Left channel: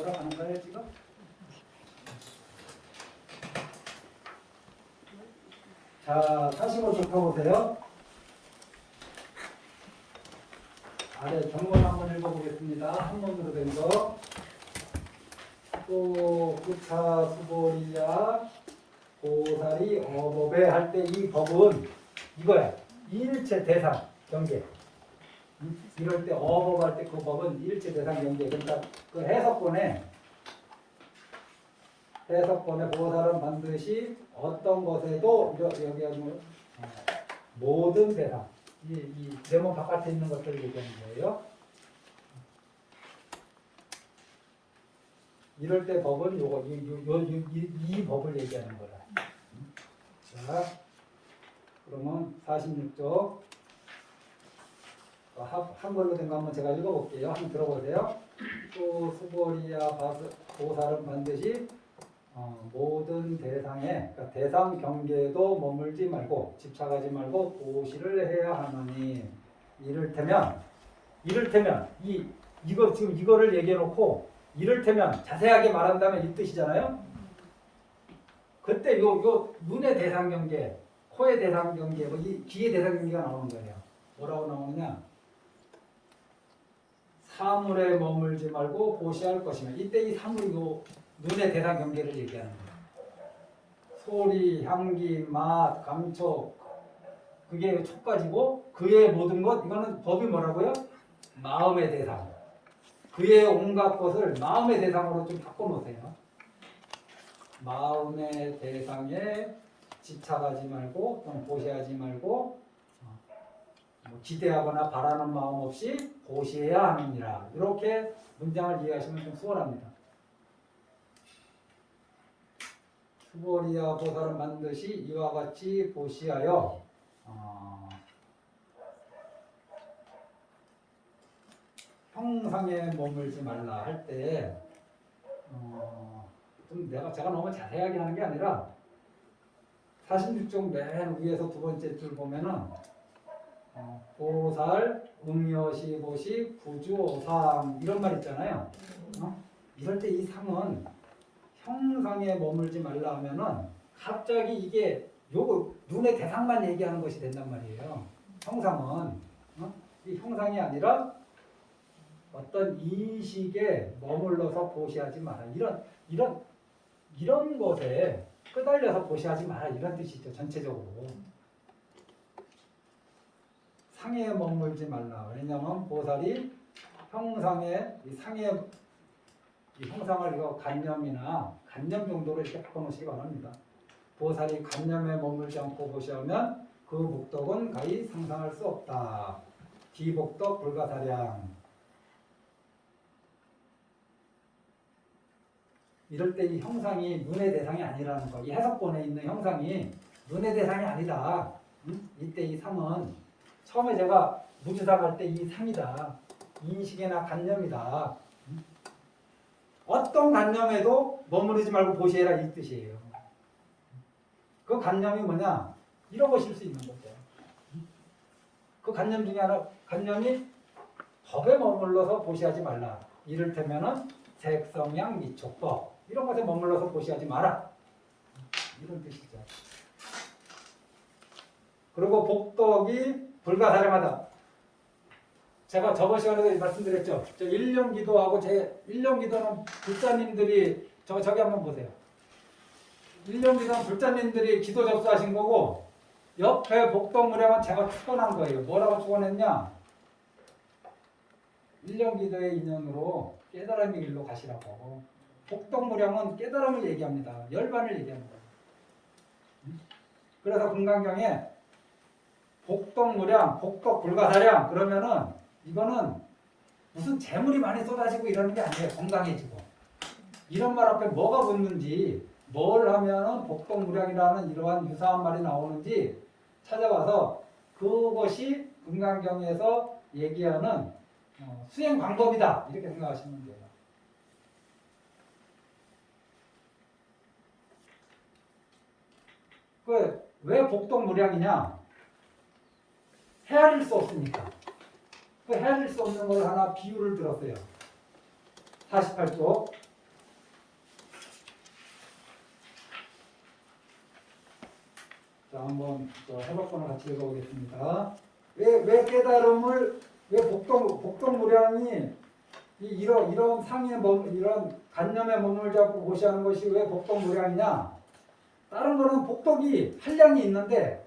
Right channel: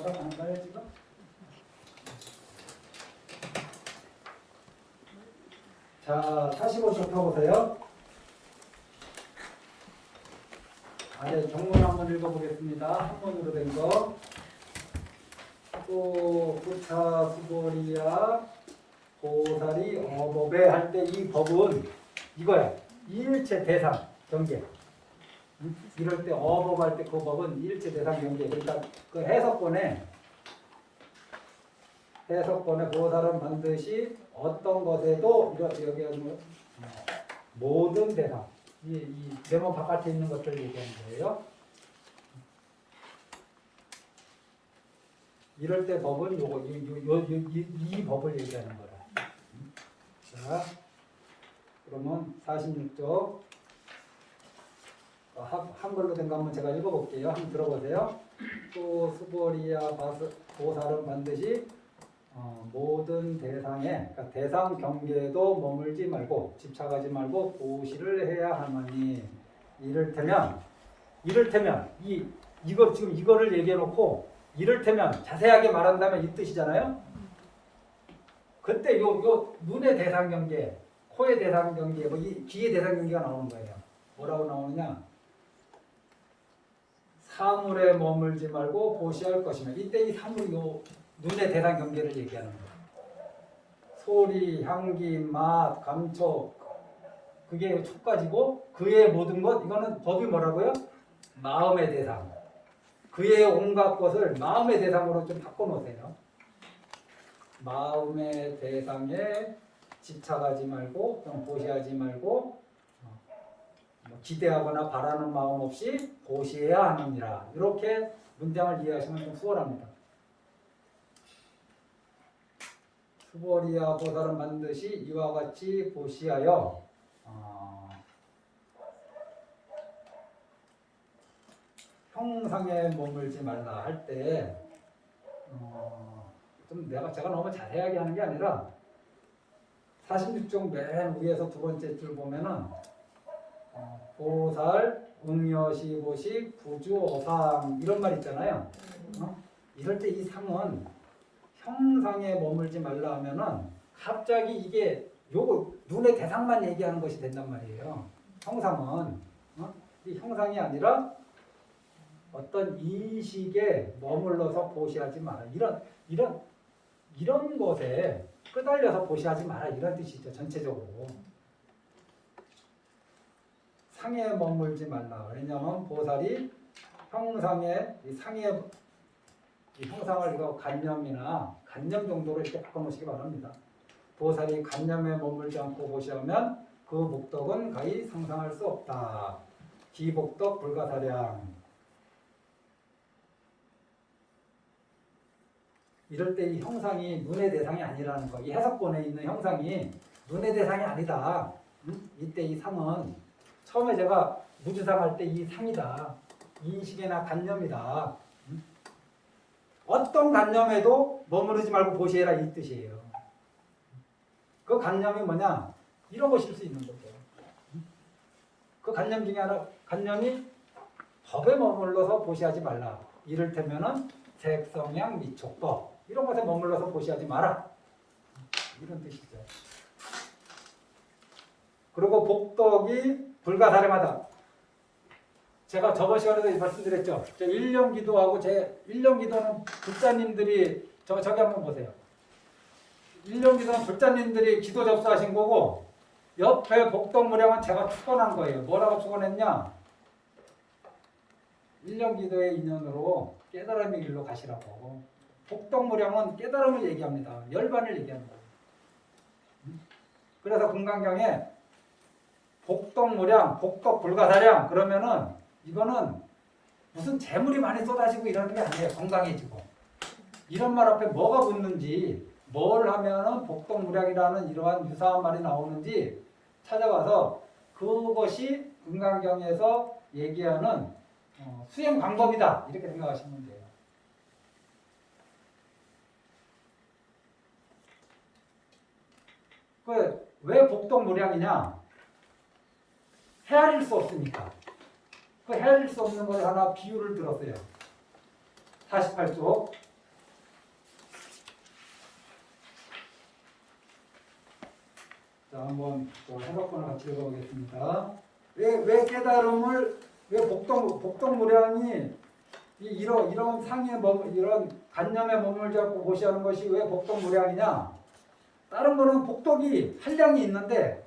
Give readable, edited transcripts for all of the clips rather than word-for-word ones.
돌아가는가요 지금? 자, 45쪽 펴보세요. 아래 정문 한번 읽어보겠습니다. 한문으로 된 거. 또 구차 수고리야 고사리 어법에 할 때 이 법은 이거야. 이일체 대상 경계. 이럴 때 어법 할 때 그 법은 이일체 대상 경계. 그러니까 그 해석권에 고사는 반드시 어떤 것에도 여기 하는 모든 대상 이 네모 바깥에 있는 것들 얘기하는 거예요. 이럴 때 법은 요거 이 법을 얘기하는 거다. 자, 그러면 46쪽 한글로 된 거 한번 제가 읽어볼게요. 한번 들어보세요. 또 수보리야 보살은 반드시 모든 대상에 그러니까 대상 경계도 머물지 말고 집착하지 말고 보시를 해야 하나니 이를테면 이거 지금 이거를 얘기해 놓고 이를테면 자세하게 말한다면 이 뜻이잖아요. 그때 요 눈의 대상 경계, 코의 대상 경계, 뭐 이 귀의 대상 경계가 나오는 거예요. 뭐라고 나오느냐? 사물에 머물지 말고 보시할 것이면 이때 이 사물이 눈의 대상 경계를 얘기하는 거예요. 소리, 향기, 맛, 감촉 그게 촉가지고 그의 모든 것 이거는 법이 뭐라고요? 마음의 대상. 그의 온갖 것을 마음의 대상으로 좀 바꿔놓으세요. 마음의 대상에 집착하지 말고 좀 보시하지 말고 기대하거나 바라는 마음 없이 보시해야 하느니라. 이렇게 문장을 이해하시면 좀 수월합니다. 수보리야 보살은 반드시 이와 같이 보시하여 형상에 머물지 말라 할 때 좀 제가 너무 자세하게 하는 게 아니라 46쪽 맨 위에서 두 번째 줄 보면은 보살, 응여시, 보식, 부주오상 이런 말 있잖아요. 이럴 때 이 상은 형상에 머물지 말라 하면은 갑자기 이게 요거 눈의 대상만 얘기하는 것이 된단 말이에요. 형상은 이 형상이 아니라 어떤 인식에 머물러서 보시하지 마라. 이런 것에 끄달려서 보시하지 마라. 이런 뜻이죠. 전체적으로. 상에 머물지 말라. 왜냐하면 보살이 이 형상을 이거 간념 정도로 이렇게 바꿔놓으시기 바랍니다. 보살이 간념에 머물지 않고 보시하면 그 목덕은 가히 상상할 수 없다. 기복덕 불가사량. 이럴 때 이 형상이 눈의 대상이 아니라는 거. 이 해석본에 있는 형상이 눈의 대상이 아니다. 이때 이 상은 처음에 제가 무주상 할 때 이 상이다. 인식이나 간념이다. 어떤 간념에도 머무르지 말고 보시해라 이 뜻이에요. 그 간념이 뭐냐? 잃어보실 수 있는 거죠. 그 간념 중에 하나, 간념이 법에 머물러서 보시하지 말라. 이를테면은 색성향 미촉법 이런 것에 머물러서 보시하지 마라. 이런 뜻이죠. 그리고 복덕이 불가사량하다. 제가 저번 시간에도 말씀드렸죠. 1년 기도하고 제 1년 기도는 불자님들이 저기 한번 보세요. 1년 기도는 불자님들이 기도 접수하신 거고 옆에 복덕무량은 제가 축원한 거예요. 뭐라고 축원했냐? 1년 기도의 인연으로 깨달음의 길로 가시라고. 복덕무량은 깨달음을 얘기합니다. 열반을 얘기합니다. 그래서 금강경에 복덕무량, 복덕불가사량 그러면은 이거는 무슨 재물이 많이 쏟아지고 이러는 게 아니에요. 건강해지고. 이런 말 앞에 뭐가 붙는지 뭘 하면은 복덕무량이라는 이러한 유사한 말이 나오는지 찾아가서 그것이 금강경에서 얘기하는 수행 방법이다. 이렇게 생각하시면 돼요. 왜 복덕무량이냐? 헤아릴 수 없으니까. 그 헤아릴 수 없는 걸 하나 비유를 들었어요. 48쪽. 자, 한번 또 해석본을 같이 읽어보겠습니다. 왜 깨달음을 왜 복덕무량이 이런 상에 이런 관념에 머물지 않고 보시하는 것이 왜 복덕무량이냐? 다른 거는 복덕이 한량이 있는데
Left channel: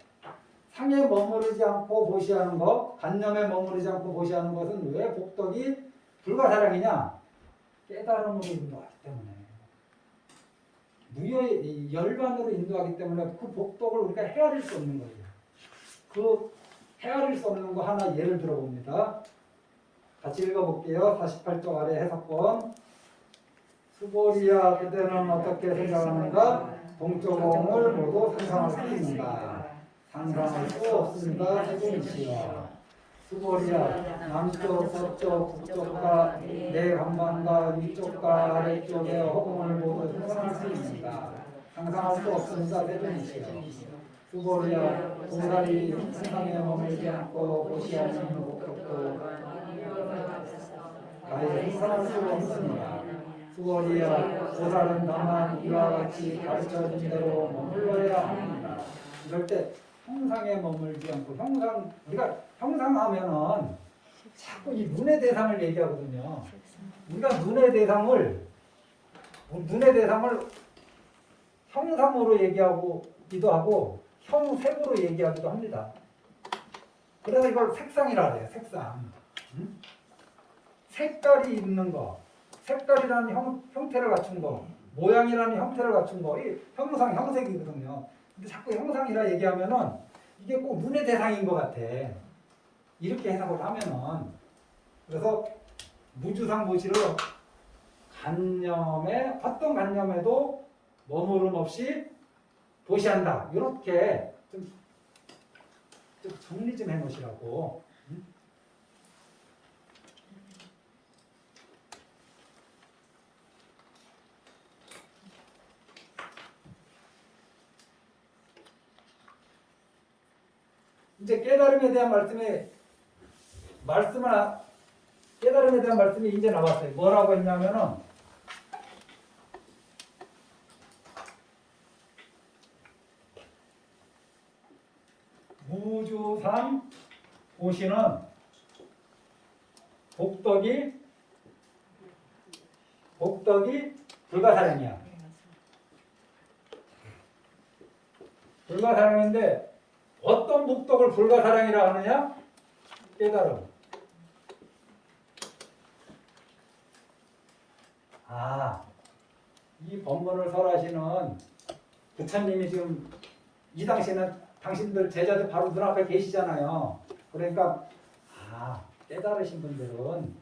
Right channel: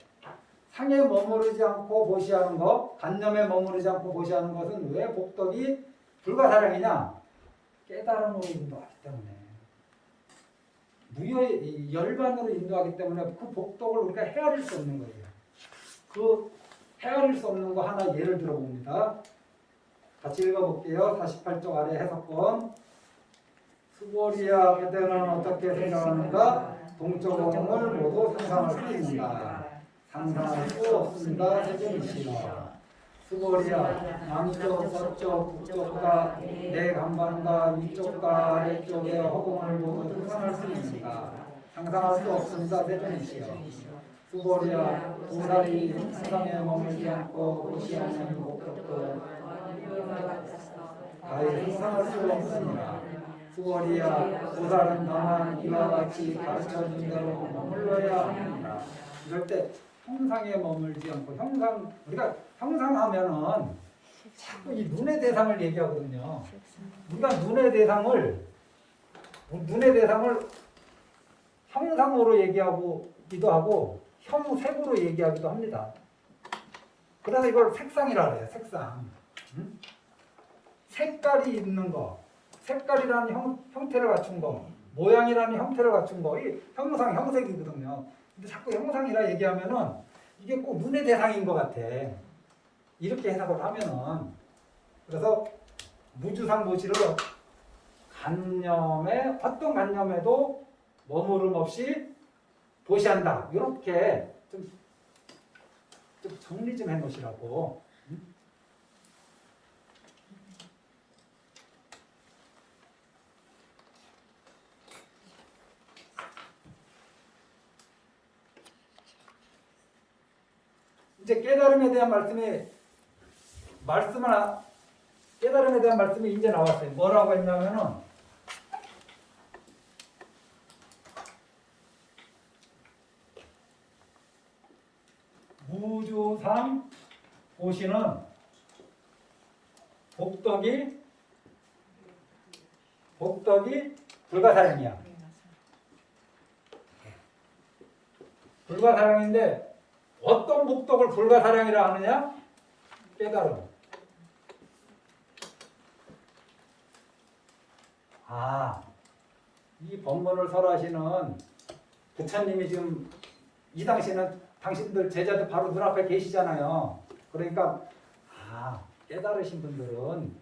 상에 머무르지 않고 보시하는 것, 관념에 머무르지 않고 보시하는 것은 왜 복덕이 불가사량이냐? 깨달음으로 인도하기 때문에. 무효의 열반으로 인도하기 때문에 그 복덕을 우리가 헤아릴 수 없는 거예요. 그 헤아릴 수 없는 거 하나 예를 들어봅니다. 같이 읽어볼게요. 48쪽 아래 해석본. 수보리야 그대는 어떻게 생각하는가? 동쪽 공을 모두 상상할 수 있는가? 상상할 수 없습니다. 세존이시여. 수보리야 남쪽, 서쪽, 북쪽과 내 간반과 위쪽과 아래쪽의 허공을 모두 상상할 수 있는가? 상상할 수 없습니다. 세존이시여. 수보리야 도사리 상상에 머물지 않고 보시하는 목적도 가히 상상할 수 없습니다. 수보리야 도사는 다만 이와 같이 가르쳐준 대로 머물러야 합니다. 이럴 때 형상에 머물지 않고 우리가 형상하면은 자꾸 이 눈의 대상을 얘기하거든요. 우리가 눈의 대상을 형상으로 얘기하기도 하고 형색으로 얘기하기도 합니다. 그래서 이걸 색상이라고 해요. 색상. 색깔이 있는 거, 색깔이라는 형태를 갖춘 거, 모양이라는 형태를 갖춘 거, 이 형색이거든요. 근데 자꾸 형상이라 얘기하면은 이게 꼭 눈의 대상인 것 같아. 이렇게 해석을 하면은. 그래서 무주상보시를 어떤 관념에도 머무름 없이 보시한다. 이렇게 좀 정리 좀 해놓으시라고. 이제 깨달음에 대한 말씀이 이제 나왔어요. 뭐라고 했냐면은 무주상 보시는 복덕이 불가사량이야. 불가사량인데 어떤 복덕을 불가사량이라 하느냐? 깨달음. 이 법문을 설하시는 부처님이 지금 이 당시에는 당신들 제자들 바로 눈앞에 계시잖아요. 그러니까 깨달으신 분들은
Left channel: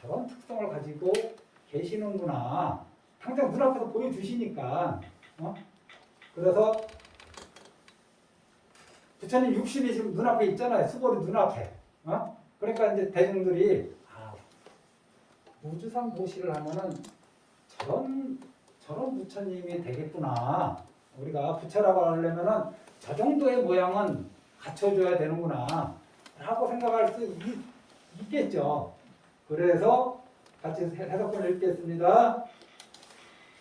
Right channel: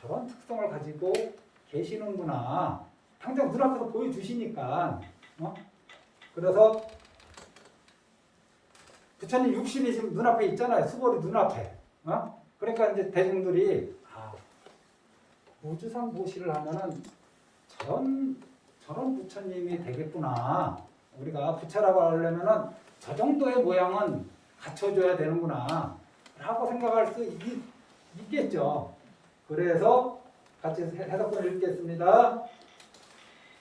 저런 특성을 가지고 계시는구나. 당장 눈앞에서 보여주시니까. 그래서 부처님 육신이 지금 눈앞에 있잖아요. 수보리 눈앞에. 그러니까 이제 대중들이 무주상 보시를 하면은 저런 부처님이 되겠구나. 우리가 부처라고 하려면은 저 정도의 모양은 갖춰줘야 되는구나. 라고 생각할 수 있겠죠. 그래서 같이 해석본을 읽겠습니다.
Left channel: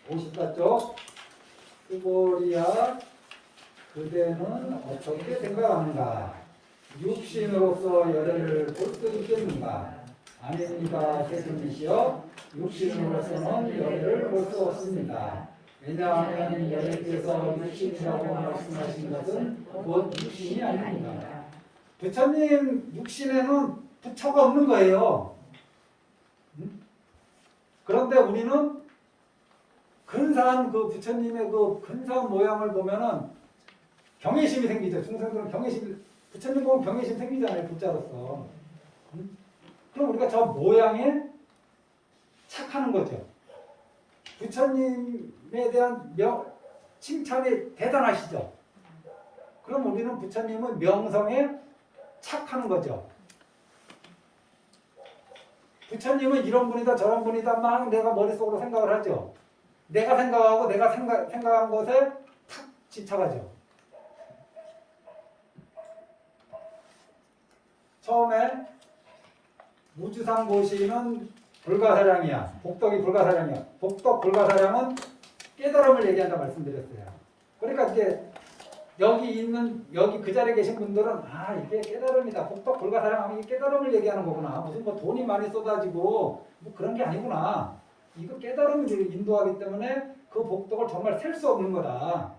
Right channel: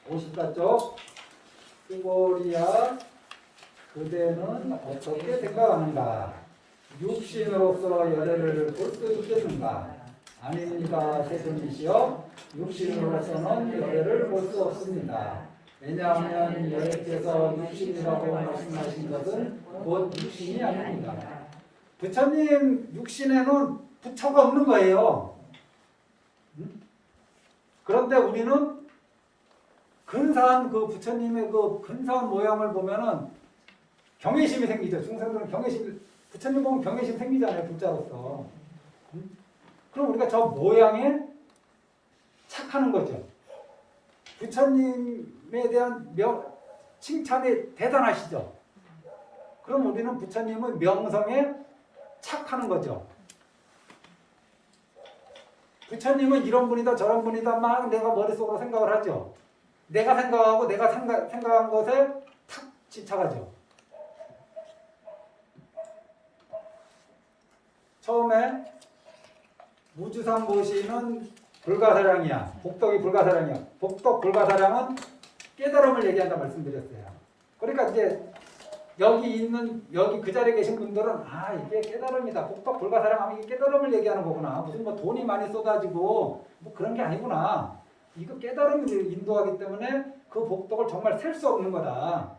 54쪽. 수보리야 그대는 어떻게 생각하는가? 육신으로서 열애를 볼 수 있겠는가? 아닙니다. 세존이시여. 육신으로서는 열애를 볼 수 없습니다. 왜냐하면 열애께서 육신이라고 말씀하신 것은 곧 육신이 아닙니다. 부처님 육신에는 부처가 없는 거예요. 그런데 우리는 근사한 그 부처님의 그 근사한 모양을 보면은 경외심이 생기죠. 중생들은 부처님 보면 경외심 생기잖아요. 불자로서. 그럼 우리가 저 모양에 착하는 거죠. 부처님에 대한 칭찬이 대단하시죠. 그럼 우리는 부처님의 명성에 착하는 거죠. 부처님은 이런 분이다 저런 분이다 막 내가 머릿속으로 생각을 하죠. 내가 생각하고 내가 생각한 것에 탁 집착하죠. 처음에 무주상 보시는 불가사량이야. 복덕이 불가사량이야. 복덕 불가사량은 깨달음을 얘기한다 말씀드렸어요. 그러니까 이제 여기 그 자리에 계신 분들은 아 이게 깨달음이다. 복덕 불가사량하면 이게 깨달음을 얘기하는 거구나. 무슨 뭐 돈이 많이 쏟아지고 뭐 그런 게 아니구나. 이거 깨달음을 인도하기 때문에 그 복덕을 정말 셀 수 없는 거다.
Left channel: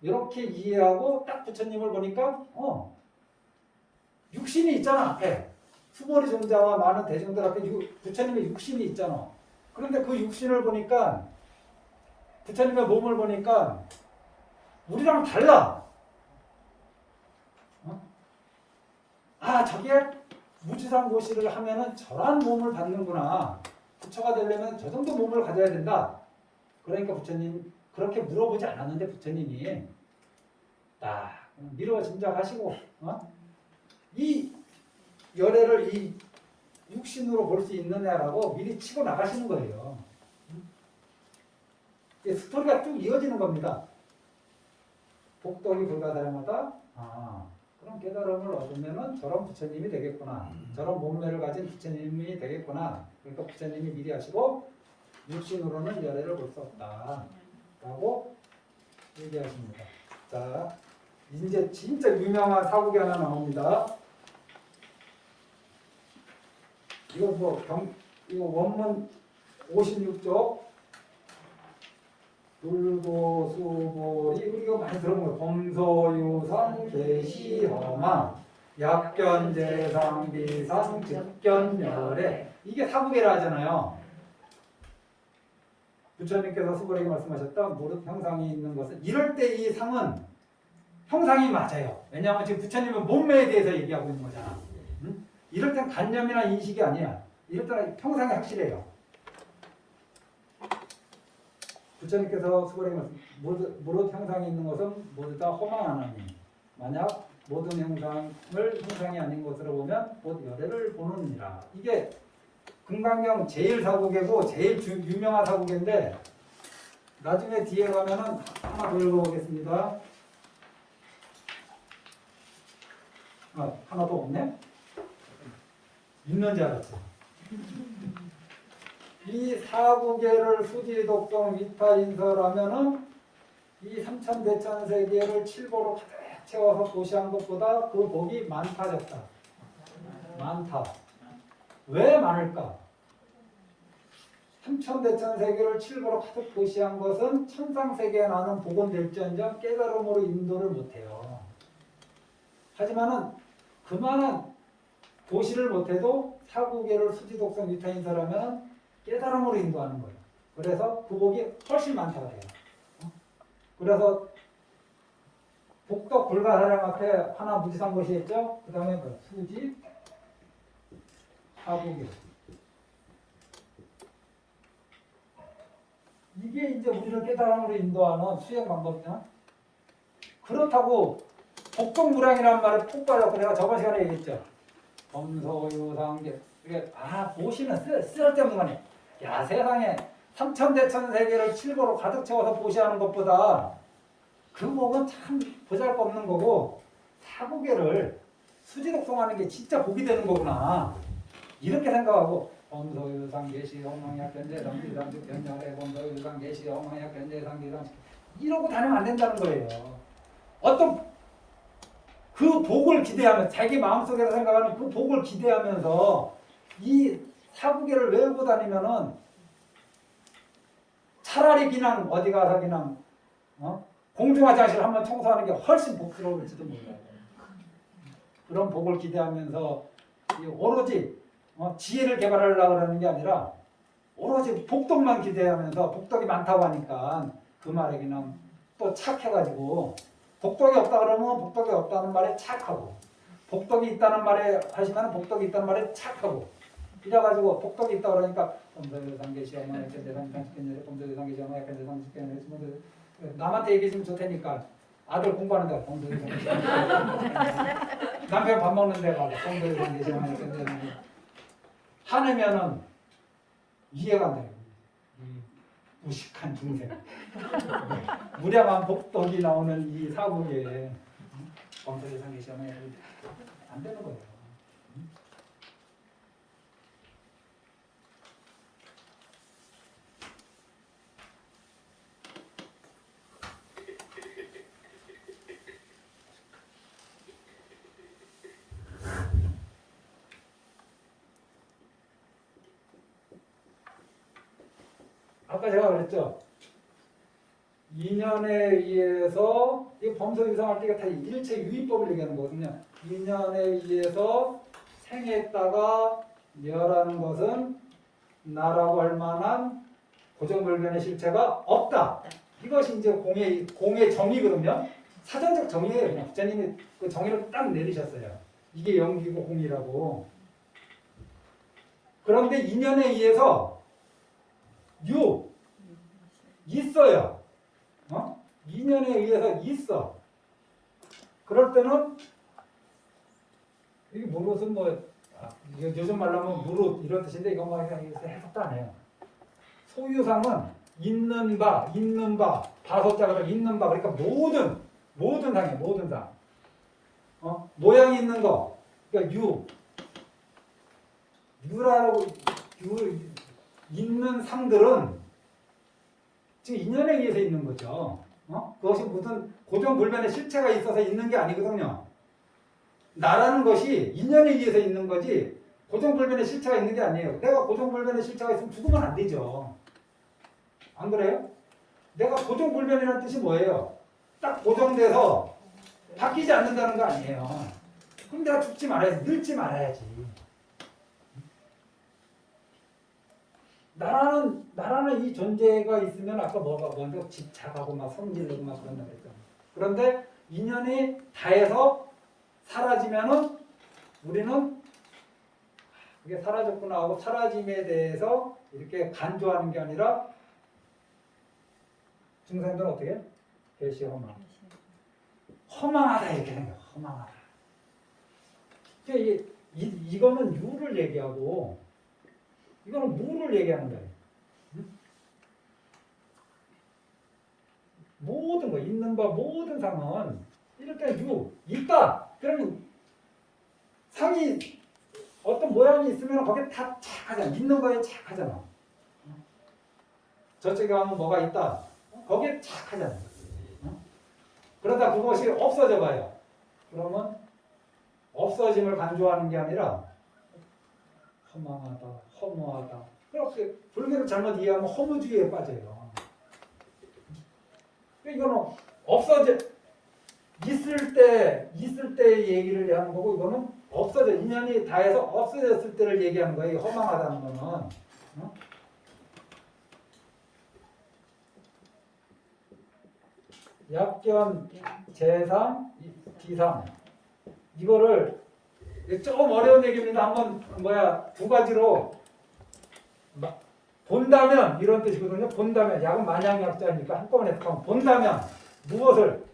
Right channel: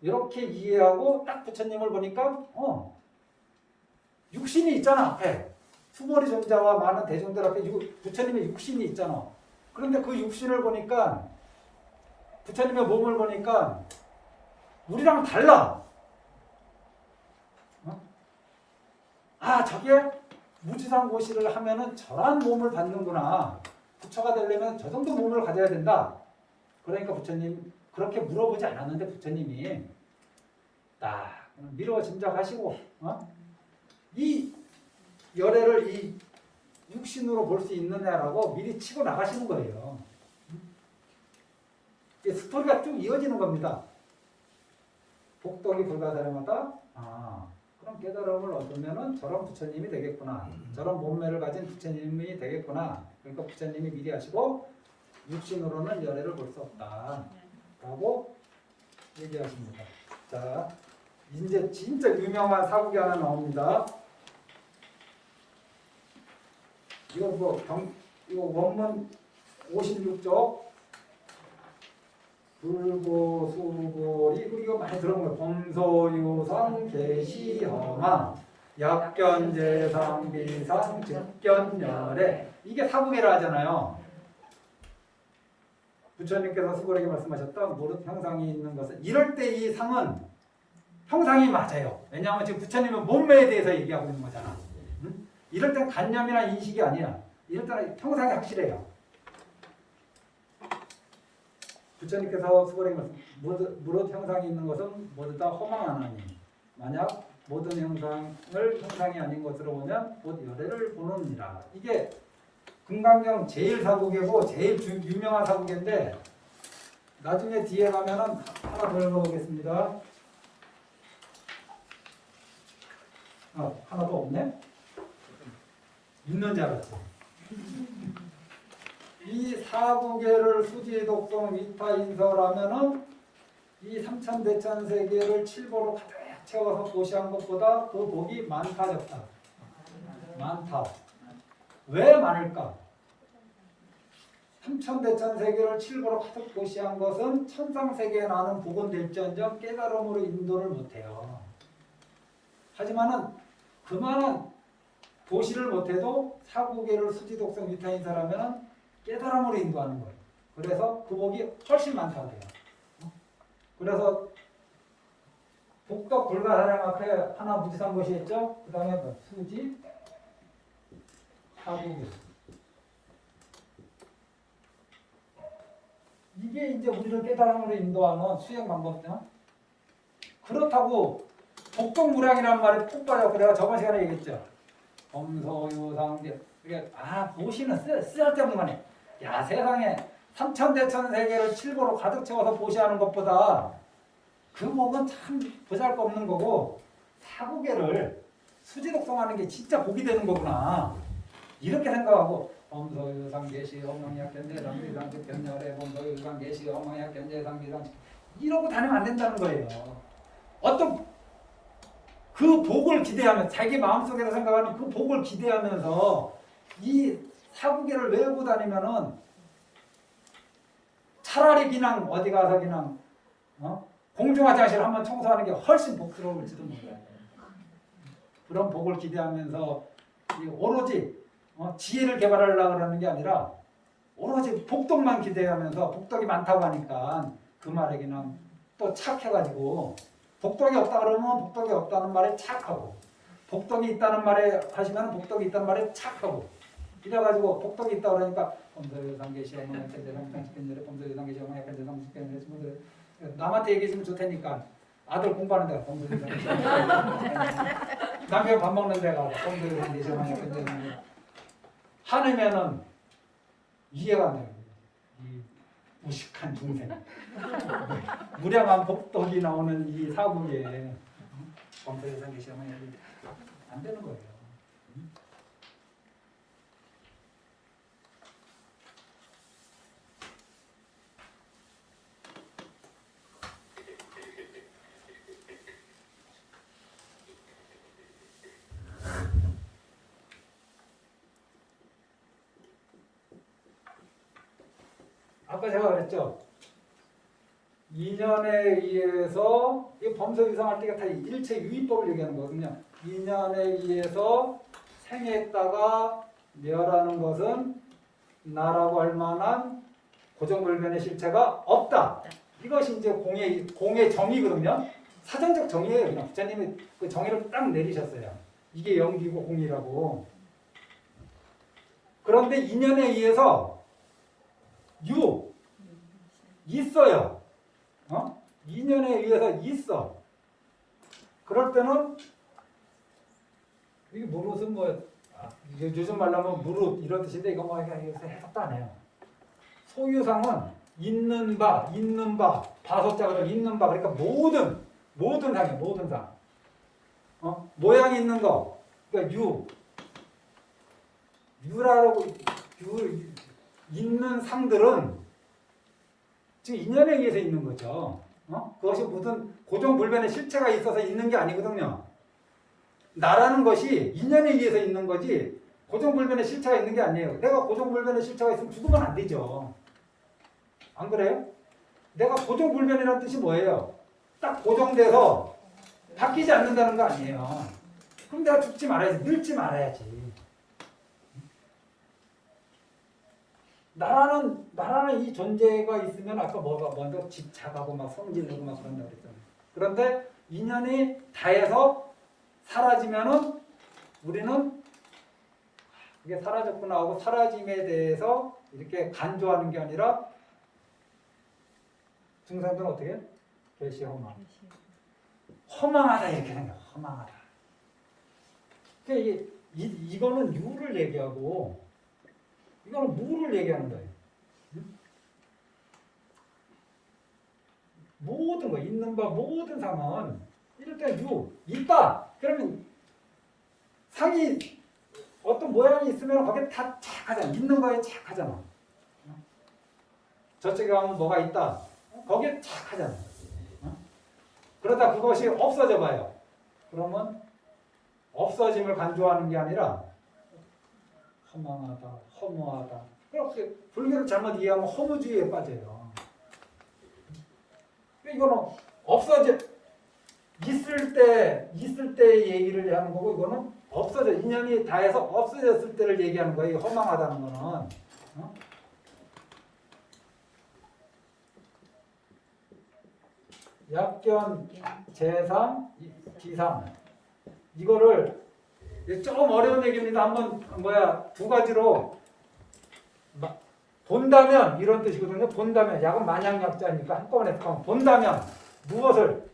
이렇게 이해하고 딱 부처님을 보니까 육신이 있잖아 앞에. 수머리 존자와 많은 대중들 앞에 부처님의 육신이 있잖아. 그런데 그 육신을 보니까 부처님의 몸을 보니까 우리랑 달라. 아 저게 무주상고시를 하면은 저런 몸을 받는구나. 부처가 되려면 저 정도 몸을 가져야 된다. 그러니까 부처님 그렇게 물어보지 않았는데 부처님이 딱 미루어 짐작하시고 이 열애를 이 육신으로 볼 수 있느냐라고 미리 치고 나가시는 거예요. 이제 스토리가 쭉 이어지는 겁니다. 복덕이 불가사량하다. 그럼 깨달음을 얻으면은 저런 부처님이 되겠구나. 저런 몸매를 가진 부처님이 되겠구나. 그러니까 부처님이 미리 하시고 육신으로는 열애를 볼 수 없다. 라고 얘기하십니다. 자, 이제 진짜 유명한 사국이 하나 나옵니다. 이거 이거 원문 56쪽 불고수보리 우리가 많이 들어본 거예요. 범소유상 계시허망 약견재상 비상 즉견열애 이게 사국이라 하잖아요. 부처님께서 수보에게 말씀하셨던 무릇 형상이 있는 것은 이럴 때 이 상은 형상이 맞아요. 왜냐하면 지금 부처님은 몸매에 대해서 얘기하고 있는 거잖아. 응? 이럴 땐 관념이나 인식이 아니야. 이럴 때는 형상이 확실해요. 부처님께서 수보에게 말씀 무릇 형상이 있는 것은 모두 다 허망하나니 만약 모든 형상을 형상이 아닌 것으로 보면 곧 열애를 보느니라. 이게 금강경 제일 사국이고 제일 유명한 사국인데 나중에 뒤에 가면은 하나 더 읽어보겠습니다. 하나 더 없네? 있는 줄 알았지. 이 사국계를 수지독성 위타인설하면은 이 삼천대천세계를 칠보로 가득 채워서 고시한 것보다 그 복이 많다졌다. 많다. 왜 많을까? 삼천대천세계를 칠보로 가득 고시한 것은 천상세계에 나는 복은 될지언정 깨달음으로 인도를 못해요. 하지만은 그만한 고시를 못해도 사국계를 수지독성 위타인설하면 깨달음으로 인도하는 거예요. 그래서 그 복이 훨씬 많다고 해요. 그래서 복덕 불가사량 앞에 하나 무지상고시 했죠? 그 다음에 뭐 수지, 사국계. 이게 이제 우리를 깨달음으로 인도하는 수행 방법이야. 그렇다고 복덕무량이라는 말에 푹 빠졌고 내가 저번 시간에 얘기했죠. 범소유상계. 이게 보시는 쓸데없는 거네. 야 세상에 삼천대천세계를 칠보로 가득 채워서 보시하는 것보다 그 복은 참 보잘것없는 거고 사국계를 수지독성하는 게 진짜 복이 되는 거구나. 이렇게 생각하고 범소유상계시 허망약견재상 비상 즉견열애 범소유상계시 허망약견재상 비상 이러고 다니면 안 된다는 거예요. 어떤 그 복을 기대하면 자기 마음속에서 생각하는 그 복을 기대하면서 이 사국계를 외우고 다니면은 차라리 그냥 어디 가서 그냥 공중화장실 한번 청소하는 게 훨씬 복스러울지도 몰라요. 그런 복을 기대하면서 오로지 지혜를 개발하려고 하는 게 아니라 오로지 복덕만 기대하면서 복덕이 많다고 하니까 그 말에 그냥 또 착해가지고 복덕이 없다 그러면 복덕이 없다는 말에 착하고 복덕이 있다는 말에 하시면 복덕이 있다는 말에 착하고 이래가지고 복덕이 있다 그러니까 범소유상계시 허망약견재상비상직견열애 범소유상계시 허망약견재상직견열애 남한테 얘기해주면 좋다니까 아들 공부하는데 범소유상계시 남편 밥 먹는 데가 범소유상계시 허망약견재상직견열애 화내면은 이해가 안 돼요. 이 무식한 중생 무량한 복덕이 나오는 이 사국에 범소유상계시 허망약견재상직견열애 안 되는 거예요. 아까 제가 그랬죠. 인연에 의해서 이 범서 유상할 때가 다 일체 유의법을 얘기하는 거거든요. 인연에 의해서 생했다가 멸하는 것은 나라고 할 만한 고정불변의 실체가 없다. 이것이 이제 공의 정의거든요. 사전적 정의예요. 그냥 부처님이 그 정의를 딱 내리셨어요. 이게 영기고 공이라고. 그런데 인연에 의해서 있어요. 인연에 의해서 있어. 그럴 때는 이게 무릇은 요즘 말로 하면 무릇 이런 뜻인데 이거 해석도 안 해요. 소유상은 있는 바, 바소자가 있는 바 그러니까 모든 상이에요. 모든 상. 모양 있는 거. 그러니까 유라고 있는 상들은 지금 인연에 의해서 있는 거죠. 그것이 무슨 고정불변의 실체가 있어서 있는 게 아니거든요. 나라는 것이 인연에 의해서 있는 거지 고정불변의 실체가 있는 게 아니에요. 내가 고정불변의 실체가 있으면 죽으면 안 되죠. 안 그래요? 내가 고정불변이라는 뜻이 뭐예요? 딱 고정돼서 바뀌지 않는다는 거 아니에요. 그럼 내가 죽지 말아야지. 늙지 말아야지. 나라는 이 존재가 있으면 아까 뭐가 먼저 집착하고 막 성질내고 막 그런다 그랬잖아요. 그런데 인연이 다해서 사라지면은 우리는 그게 사라졌구나 하고 사라짐에 대해서 이렇게 간조하는 게 아니라 중생들은 어떻게 해? 계시 허망. 허망하다 얘기하는 거야. 허망하다. 그러니까 이거는 유를 얘기하고 이거는 무를 얘기하는 거예요. 모든 거 있는 바 모든 상은 이럴 때 있다. 그러면 상이 어떤 모양이 있으면 거기에 다 착하잖아. 있는 거에 착하잖아. 저쪽에 가면 뭐가 있다. 거기에 착하잖아. 그러다 그것이 없어져 봐요. 그러면 없어짐을 간주하는 게 아니라 허망하다, 허무하다. 그렇게 불교를 잘못 이해하면 허무주의에 빠져요. 이거는 있을 때 얘기를 하는 거고 이거는 인연이 다해서 없어졌을 때를 얘기하는 거예요. 허망하다는 거는. 약견, 재상, 비상. 이거를 좀 어려운 얘기인데 한번 두 가지로 본다면 이런 뜻이거든요. 본다면 약은 만약약자니까 한꺼번에 해석하면 본다면 무엇을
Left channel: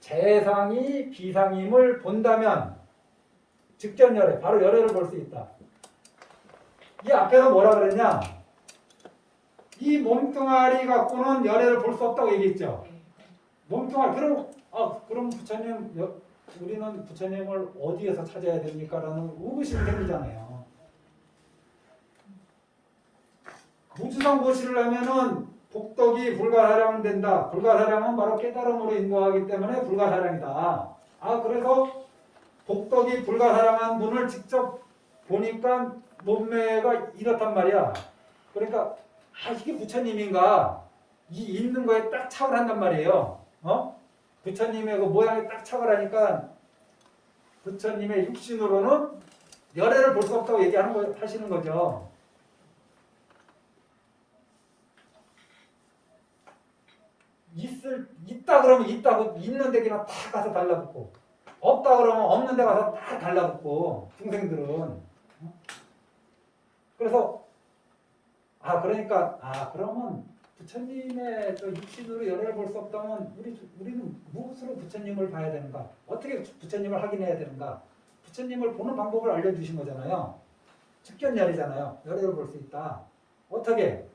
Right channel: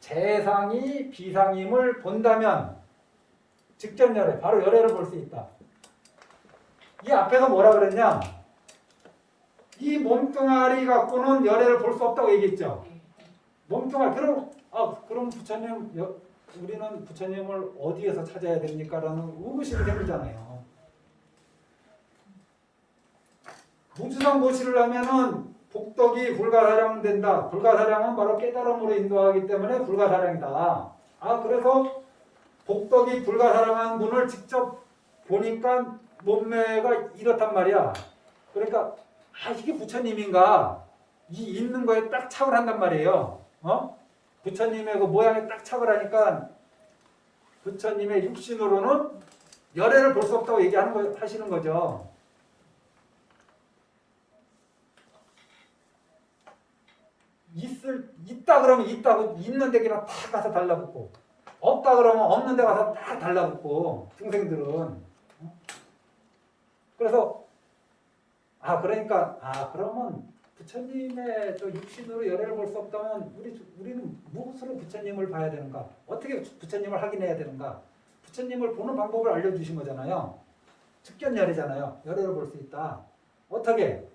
재상이 비상임을 본다면 직전열애 바로 열애를 볼 수 있다. 이 앞에서 뭐라 그랬냐? 이 몸뚱아리 갖고는 열애를 볼 수 없다고 얘기했죠. 몸뚱아리 그럼 부처님 우리는 부처님을 어디에서 찾아야 됩니까? 라는 의구심이 생기잖아요. 무주상 고시를 하면은 복덕이 불가사량은 된다. 불가사량은 바로 깨달음으로 인도하기 때문에 불가사량이다. 그래서 복덕이 불가사량한 분을 직접 보니까 몸매가 이렇단 말이야. 그러니까 이게 부처님인가? 이 있는 거에 딱 착을 한단 말이에요. 부처님의 그 모양에 딱 착을 하니까 부처님의 육신으로는 열애를 볼 수 없다고 하시는 거죠. 있다 그러면 있다고 있는 데 그냥 다 가서 달라붙고 없다 그러면 없는 데 가서 다 달라붙고 중생들은 그래서 그러니까 그러면 부처님의 또 육신으로 열애를 볼 수 없다면 우리는 무엇으로 부처님을 봐야 되는가? 어떻게 부처님을 확인해야 되는가? 부처님을 보는 방법을 알려주신 거잖아요. 특견열이잖아요. 열애를 볼 수 있다. 어떻게?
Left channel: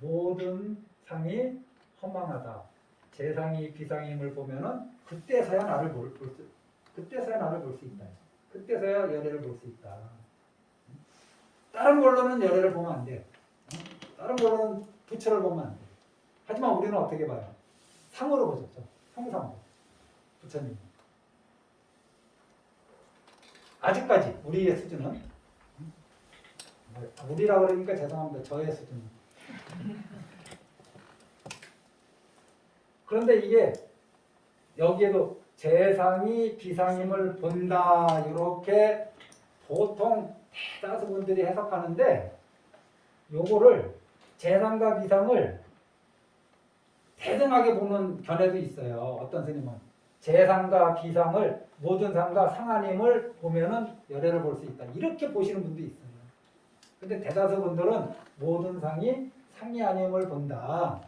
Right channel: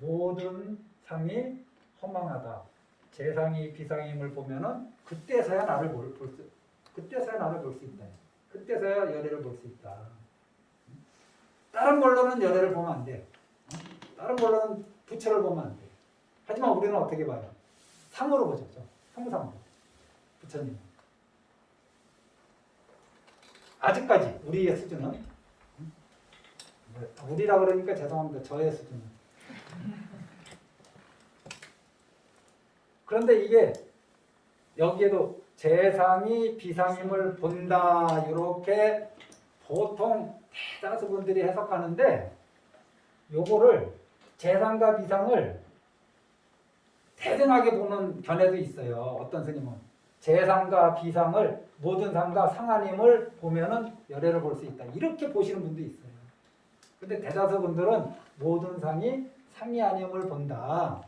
모든 상이 허망하다. 재상이 비상임을 보면은 그때서야 나를 볼 수 있다. 그때서야 열애를 볼 수 있다. 다른 걸로는 열애를 보면 안 돼. 다른 걸로는 부처를 보면 안 돼. 하지만 우리는 어떻게 봐요? 상으로 보죠. 성상으로. 부처님. 아직까지 우리의 수준은 우리라 그러니까 죄송합니다. 저의 수준. 그런데 이게 여기에도 재상이 비상임을 본다 이렇게 보통 대다수 분들이 해석하는데 요거를 재상과 비상을 대등하게 보는 견해도 있어요. 어떤 스님은 재상과 비상을 모든 상과 상하님을 보면은 열애를 볼 수 있다. 이렇게 보시는 분도 있어요. 근데 대다수 분들은 모든 상이 상이 아님을 본다.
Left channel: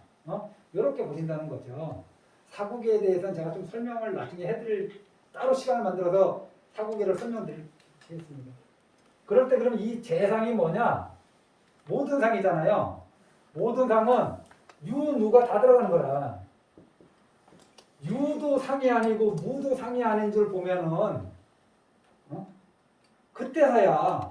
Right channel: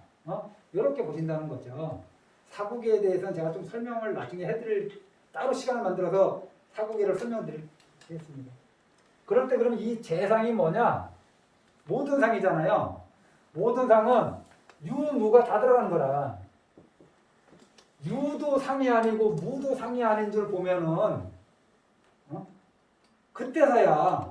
이렇게 보신다는 거죠. 사구계에 대해서는 제가 좀 설명을 나중에 해드릴 따로 시간을 만들어서 사구계를 설명드리겠습니다. 그럴 때 그럼 이 재상이 뭐냐? 모든 상이잖아요. 모든 상은 유, 무가 다 들어가는 거라. 유도 상이 아니고 무도 상이 아닌 줄 보면은 그때서야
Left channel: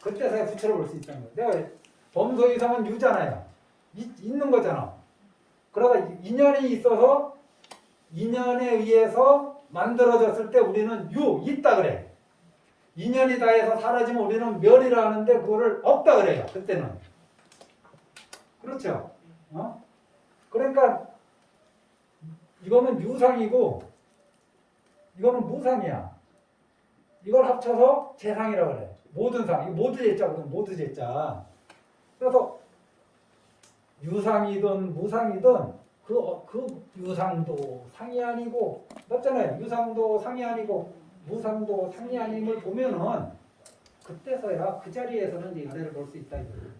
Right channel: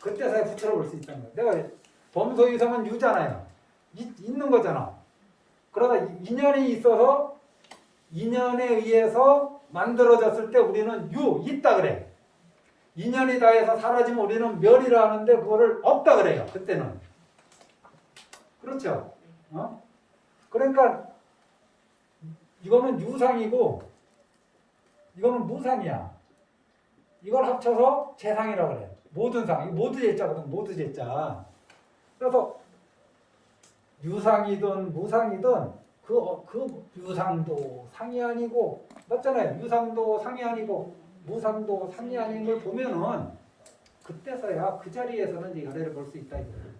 부처를 볼 수 있다는 거예요. 내가 범소이성은 유잖아요. 있는 거잖아. 그러다 인연이 있어서 인연에 의해서 만들어졌을 때 우리는 있다 그래. 인연이 다해서 사라지면 우리는 멸이라 하는데 그거를 없다 그래요. 그때는. 그렇죠? 그러니까 이거는 유상이고 이거는 무상이야. 이걸 합쳐서 재상이라고 그래. 모든 상. 이거 모두 제자거든. 모두 제자. 그래서 유상이든 무상이든 그 유상도 상이 아니고 맞잖아요. 유상도 상이 아니고 무상도 상이 아님을 보면은 그때서야 그 자리에서는 이제 열애를 볼 수 있다 이거예요.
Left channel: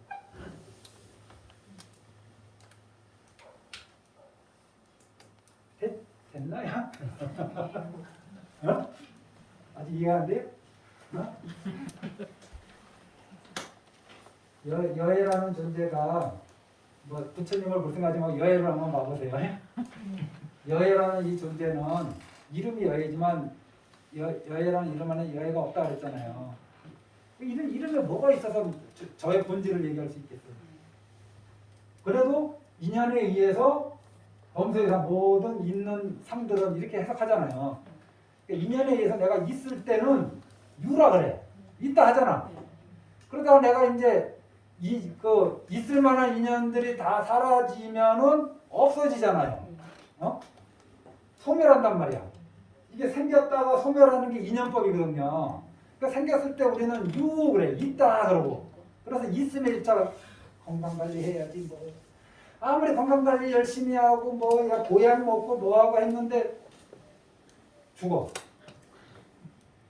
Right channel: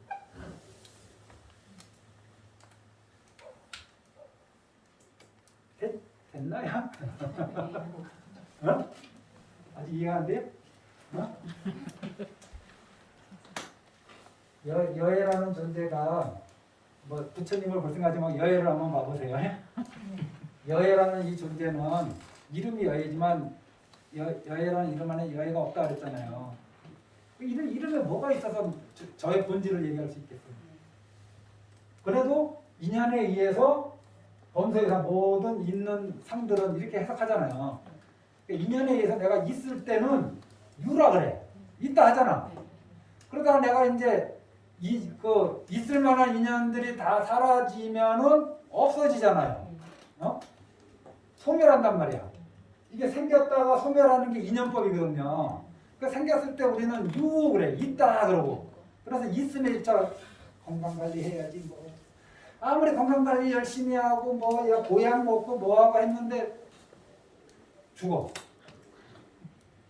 됐나요? 아직 이해가 안 돼요? 여애라는 존재가 뭐 부처님을 볼 생각하지 말고 여애를 한번 봐보세요. 여애라는 이 존재는 이름이 여애지만 여애라는 이름 안에 여애가 없다 그랬잖아요. 그 이름에 뭐가 있어서 저의 본질을 얘기할 수 있겠어요. 그래도 인연에 의해서 범서에서 모든 있는 상들은 이렇게 해석하잖아요. 그러니까 인연에 의해서 내가 있을 때는 유라 그래. 있다 하잖아. 그러다가 내가 이제 있을 만한 인연들이 다 사라지면은 없어지잖아요. 소멸한단 말이야. 이게 생겼다가 소멸하는 게 인연법이거든요. 그러니까 생겼을 때 우리는 그래. 있다 그러고. 그래서 있음에 집착. 건강관리 해야지 뭐. 아무리 건강관리 열심히 하고 뭐야 보약 먹고 뭐하고 했는데 죽어.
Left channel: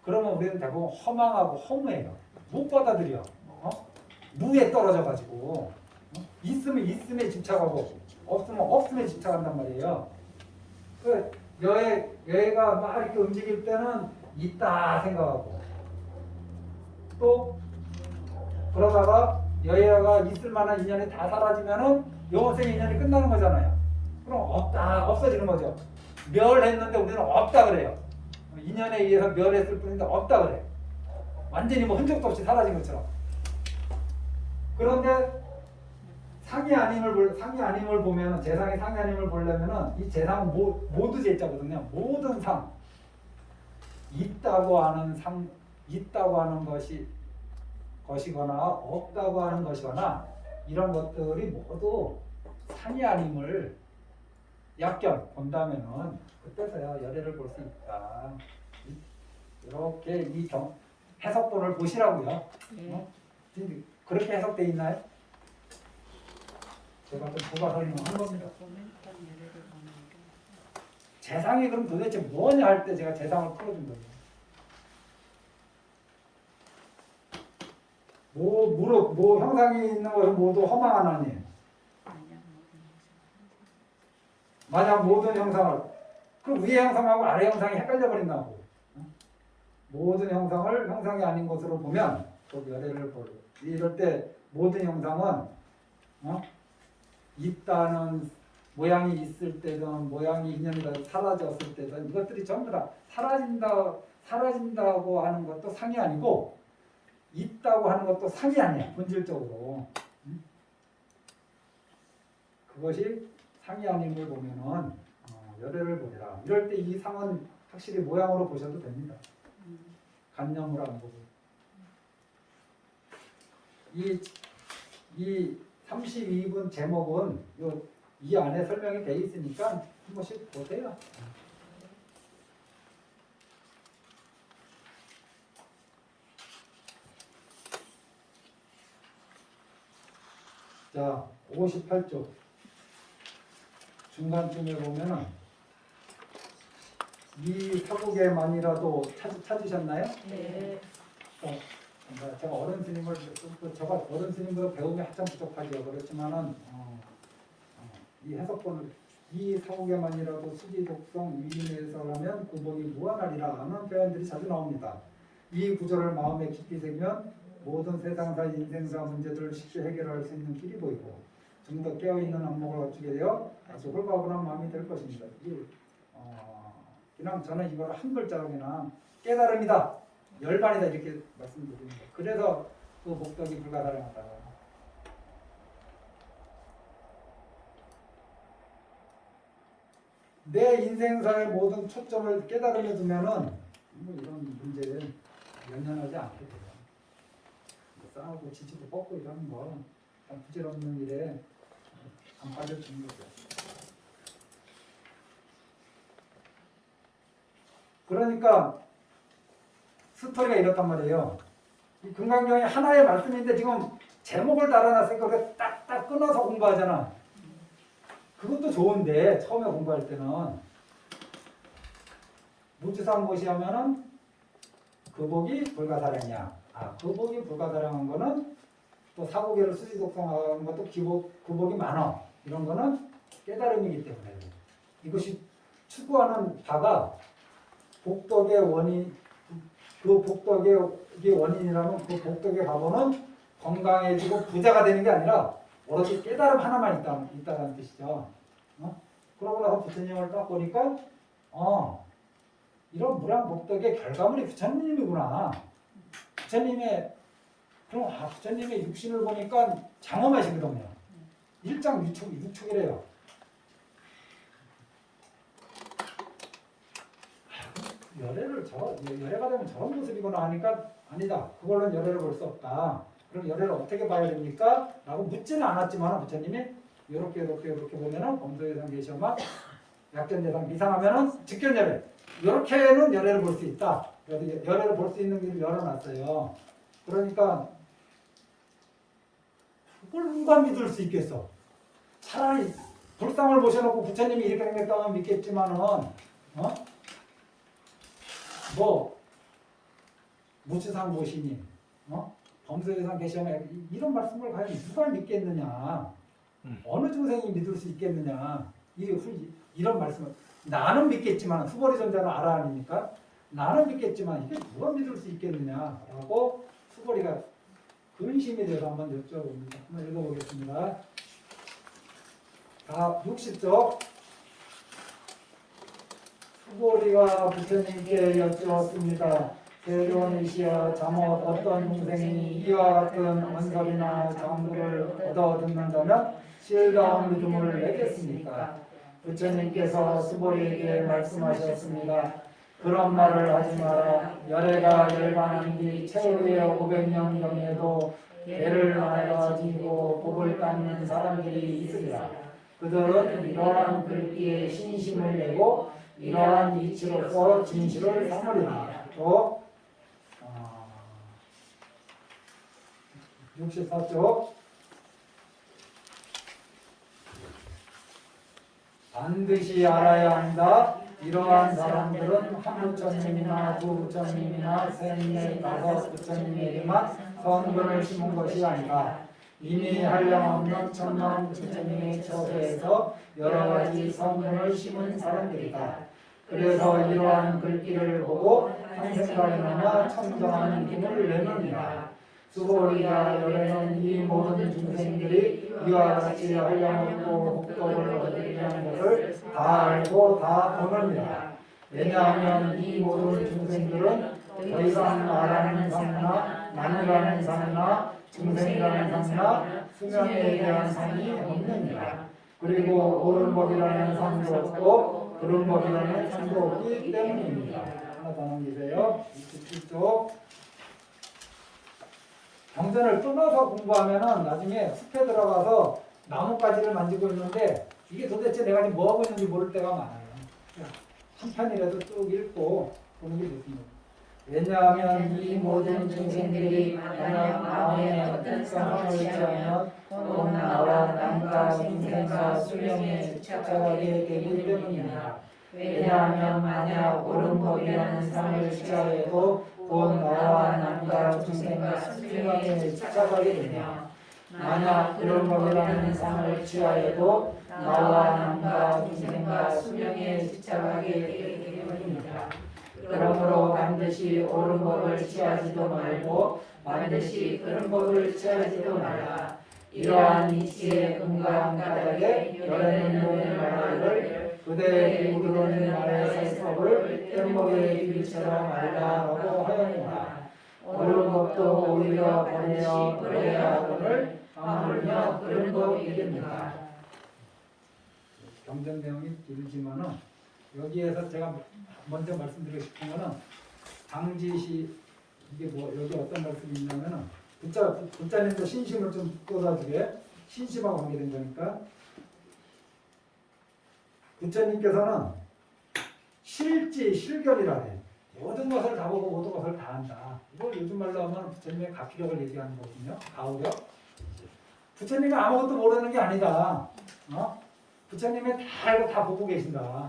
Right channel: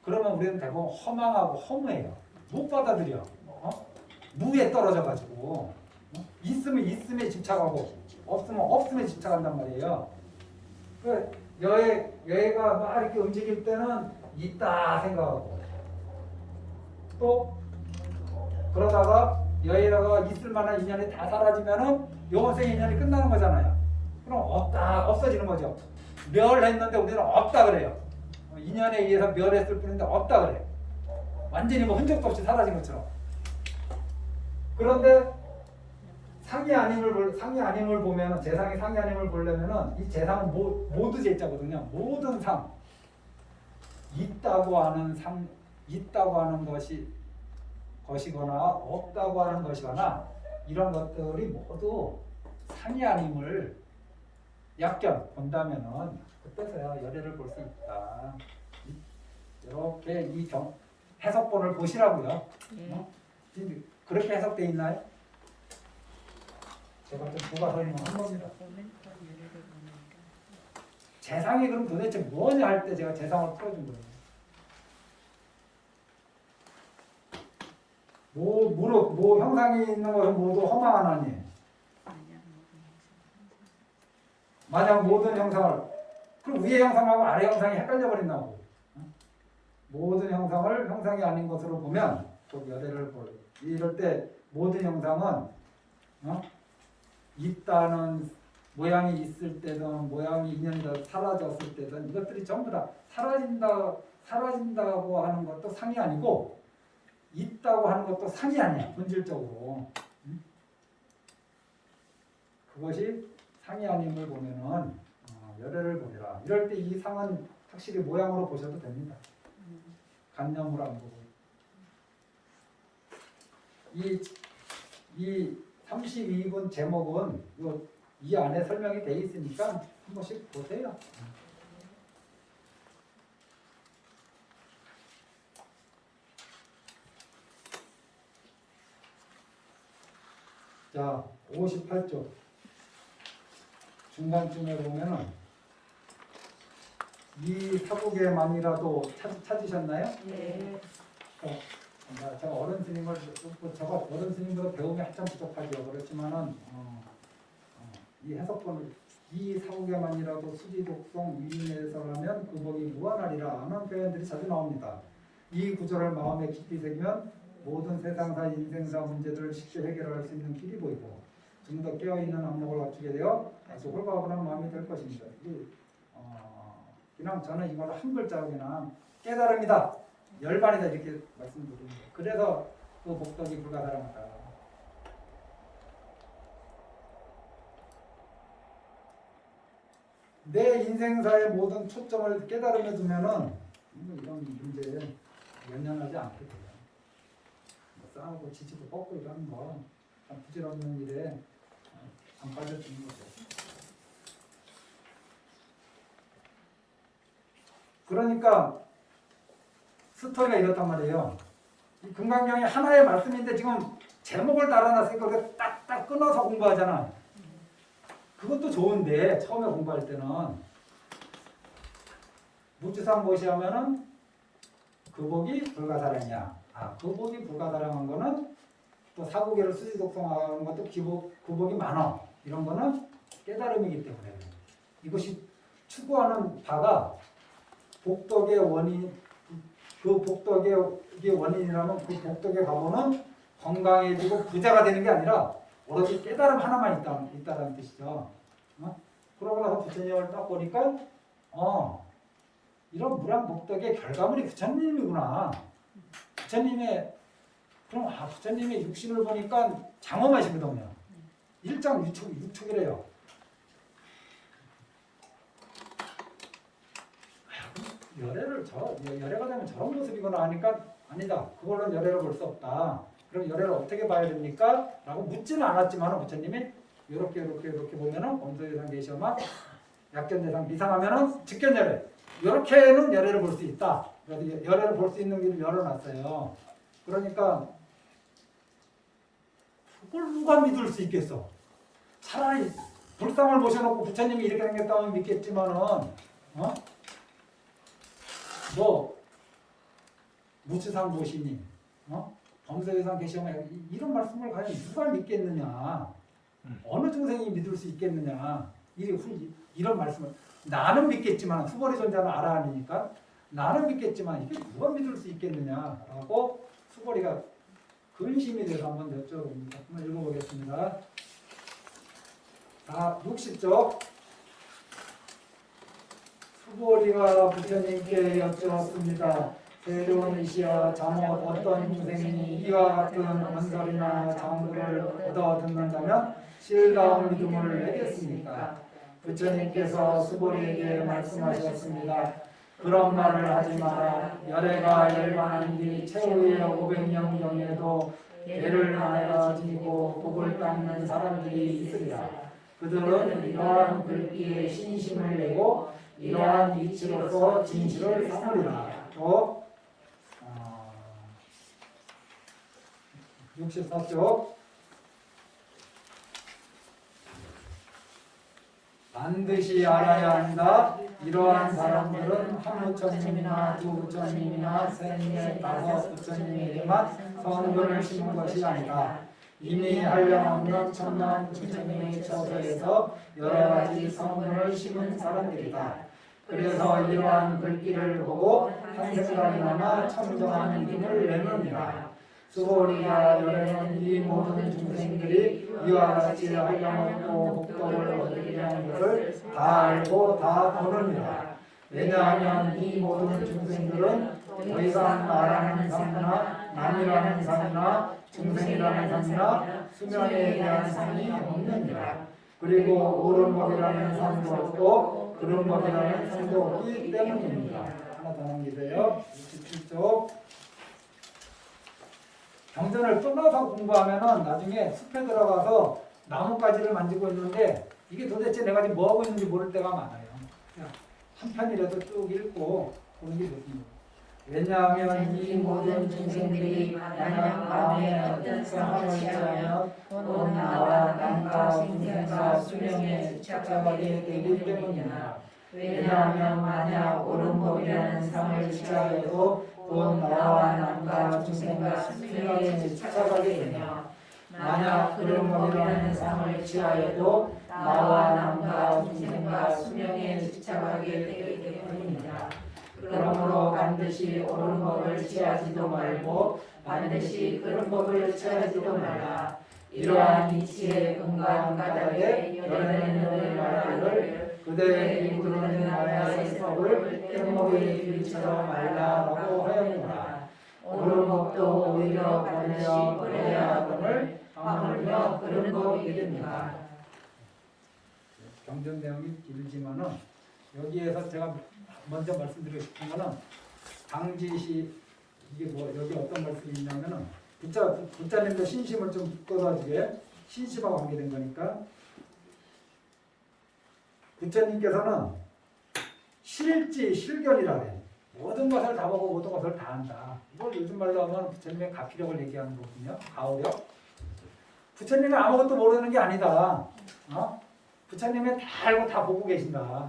그러면 우리는 대부분 허망하고 허무해요. 못 받아들여. 무에 떨어져가지고 있으면 있음에 집착하고 없으면 없음에 집착한단 말이에요. 여애가 막 이렇게 움직일 때는 있다 생각하고 또 그러다가 여애가 있을 만한 인연이 다 사라지면은 영원생 인연이 끝나는 거잖아요. 그럼 없어지는 거죠. 멸했는데 우리는 없다 그래요. 인연에 의해서 멸했을 뿐인데 없다 그래요. 완전히 뭐 흔적도 없이 사라진 것처럼. 그런데 상이 아님을 보면은 재상이 상이 아님을 보려면은 이 재상은 모두 제자거든요. 모든 상 있다고 하는 것이거나 없다고 하는 것이거나 이런 것들이 모두 상이 아님을 약견 본다면은 그때서야 열애를 볼 수 있다. 이렇게 이 해석본을 보시라고요. 그렇게 해석돼 있나요? 제가 좀 부가 설명한 겁니다. 재상이 그럼 도대체 뭐냐 할 때 제가 재상을 풀어준 거예요. 뭐 형상이 있는 것은 모두 허망한 아니에요. 만약 모든 형상을 그럼 위의 형상하고 아래 형상이 헷갈려 버린다고. 모든 형상을 형상이 아닌 것으로 보면 곧 열애를 보여. 이럴 때 모든 형상은 있다는 모양이 있을 때든 모양이 인연이 다 사라졌을 때든 이것들이 전부 다 사라진다고 하는 것도 상이 아니고 있다고 하는 것도 상이 아니야. 본질적으로. 그것이 상이 아님을 보면은 열애를 보리라. 이럴 때 이 상은 확실히 모양으로 보셔도 됩니다. 간념으로 안 보고. 이 32분 제목은 이 안에 설명이 돼 있으니까 한 번씩 보세요. 자, 58쪽 중간쯤에 보면은 이 사국에만이라도 찾으셨나요? 네. 제가 어른 스님을 제가 어른 스님보다 배움이 한참 부족하죠. 그렇지만은 이 해석본을 이 사국에만이라도 수지독성 위인해설하면 그 복이 무한하리라 하는 표현들이 자주 나옵니다. 이 구절을 마음에 깊이 새기면 모든 세상사 인생사 문제들을 쉽게 해결할 수 있는 길이 보이고 좀 더 깨어있는 안목을 갖추게 되어 아주 홀가분한 마음이 될 것입니다. 그냥 저는 이걸 한 글자로 그냥 깨달음이다, 열반이다 이렇게 말씀드립니다. 그래서 그 복덕이 불가사량하다. 내 인생사의 모든 초점을 깨달음에 두면은 이런 문제에 연연하지 않게 돼요. 싸우고 지치고 뻗고 이러는 거 참 부질없는 일에 안 빠져드는 거죠. 그러니까 스토리가 이렇단 말이에요. 이 금강경이 하나의 말씀인데 지금 제목을 달아놨으니까 그걸 딱딱 끊어서 공부하잖아. 그것도 좋은데 처음에 공부할 때는 무주상 무시하면은 그 복이 불가사량이야. 그 복이 불가사량한 거는 또 사고계를 수지독성하는 것도 그 복이 많어. 이런 거는 깨달음이기 때문에 이것이 추구하는 바가 복덕의 원인, 그 복덕의 원인이라면 그 복덕의 바보는 건강해지고 부자가 되는 게 아니라 오로지 깨달음 하나만 있다는 뜻이죠. 그러고 나서 부처님을 딱 보니까 이런 무량복덕의 결과물이 부처님이구나. 부처님의 육신을 보니까 장엄하시거든요. 일장육축이래요. 열애가 되면 저런 모습이거나 하니까 아니다. 그걸로는 열애를 볼 수 없다. 그럼 열애를 어떻게 봐야 됩니까? 라고 묻지는 않았지만 부처님이 이렇게 보면은 범소유상 계시오만 약견대상 미상하면은 직견열애. 이렇게는 열애를 볼 수 있다. 그래서 열애를 볼 수 있는 길을 열어놨어요. 그러니까 그걸 누가 믿을 수 있겠어? 차라리 불상을 모셔놓고 부처님이 이렇게 생겼다면 믿겠지만은 무추상 보시니 범소유상 계시오만 이런 말씀을 과연 누가 믿겠느냐? 어느 중생이 믿을 수 있겠느냐? 이런 말씀을 나는 믿겠지만 수고리 존자는 알아하니까 나는 믿겠지만 이게 누가 믿을 수 있겠느냐라고 수고리가 근심이 돼서 한번 여쭤봅니다. 한번 읽어보겠습니다. 60쪽 수고리가 부처님께 여쭈었습니다. 세존이시여 잠옷 어떤 중생이 이와 같은 언설이나 장구를 얻어 듣는다면 실다운 믿음을 내겠습니까? 부처님께서 수고리에게 말씀하셨습니다. 그런 말을 하지 마라. 열애가 열반한 뒤 최후의 500년 경에도 애를 하나가 지고 복을 닦는 사람들이 있으리라. 그들은 이러한 글귀에 신심을 내고 이러한 이치로서 진실을 삼으리라. 또 64쪽 반드시 알아야 한다. 이러한 사람들은 한 부처님이나 두 부처님이나 셋넷 다섯 부처님에게만 선근을 심은 것이 아니라 이미 한량없는 천만 부처님의 처소에서 여러 가지 선근을 심은 사람들이다. 그래서 이러한 글귀를 보고 한 생각이나마 청정한 믿음을 내느니라. 수고리야 열애는 이 모든 중생들이 이와 같이 한량없고 복덕을 얻으리라는 것을 다 알고 다 보느니라. 왜냐하면 이 모든 중생들은 더 이상 나라는 상이나 남이라는 상이나 중생이라는 상이나 수명에 대한 상이 없느니라. 그리고 옳은 법이라는 상도 없고 그른 법이라는 상도 없기 때문입니다. 하나 더 남기세요. 67쪽 경전을 끊어서 공부하면은 나중에 숲에 들어가서 나뭇가지를 만지고 있는데 이게 도대체 내가 지금 뭐 하고 있는지 모를 때가 많아요. 그러니까 한 편이라도 쭉 읽고 보는 게 좋습니다. 왜냐하면 이 모든 중생들이 만약 마음에 어떤 상황을 취하면 곧 나와 남과 중생과 수명에 집착하게 되기 때문이다. 왜냐하면 만약 옳은 법이라는 상을 취하여도 곧 나와 남과 중생과 수명에 집착하게 되며 만약 그런 법이라는 상을 취하여도 나와 남과 중생과 수명에 집착하게 되기 때문이다. 그러므로 반드시 옳은 법을 취하지도 말고 반드시 그런 법을 취하지도 말라. 이러한 이치의 근거한 까닭에 열에는 놈을 말하기를 그대 누구든 나라의 법을 떼먹의 비유처럼 알라라고 하였노라. 옳은 법도 오히려 버리며 버려야 하거늘 하물며 그런 법이 됩니다. 경전 내용이 길지만은 여기에서 제가 먼저 말씀드리고 싶은 거는 당지시 이게 뭐 여기 어떤 말씀이 있냐면은 부처님도 신심을 좀 묶어가지고 신심하고 관계된 거니까 부처님께서는 실지 실견이라 해. 모든 것을 다 보고 모든 것을 다 안다. 이걸 요즘 말로 하면 부처님의 가피력을 얘기하는 거거든요. 가오력. 부처님이 아무것도 모르는 게 아니다. 부처님이 다 알고 다 보고 계신다.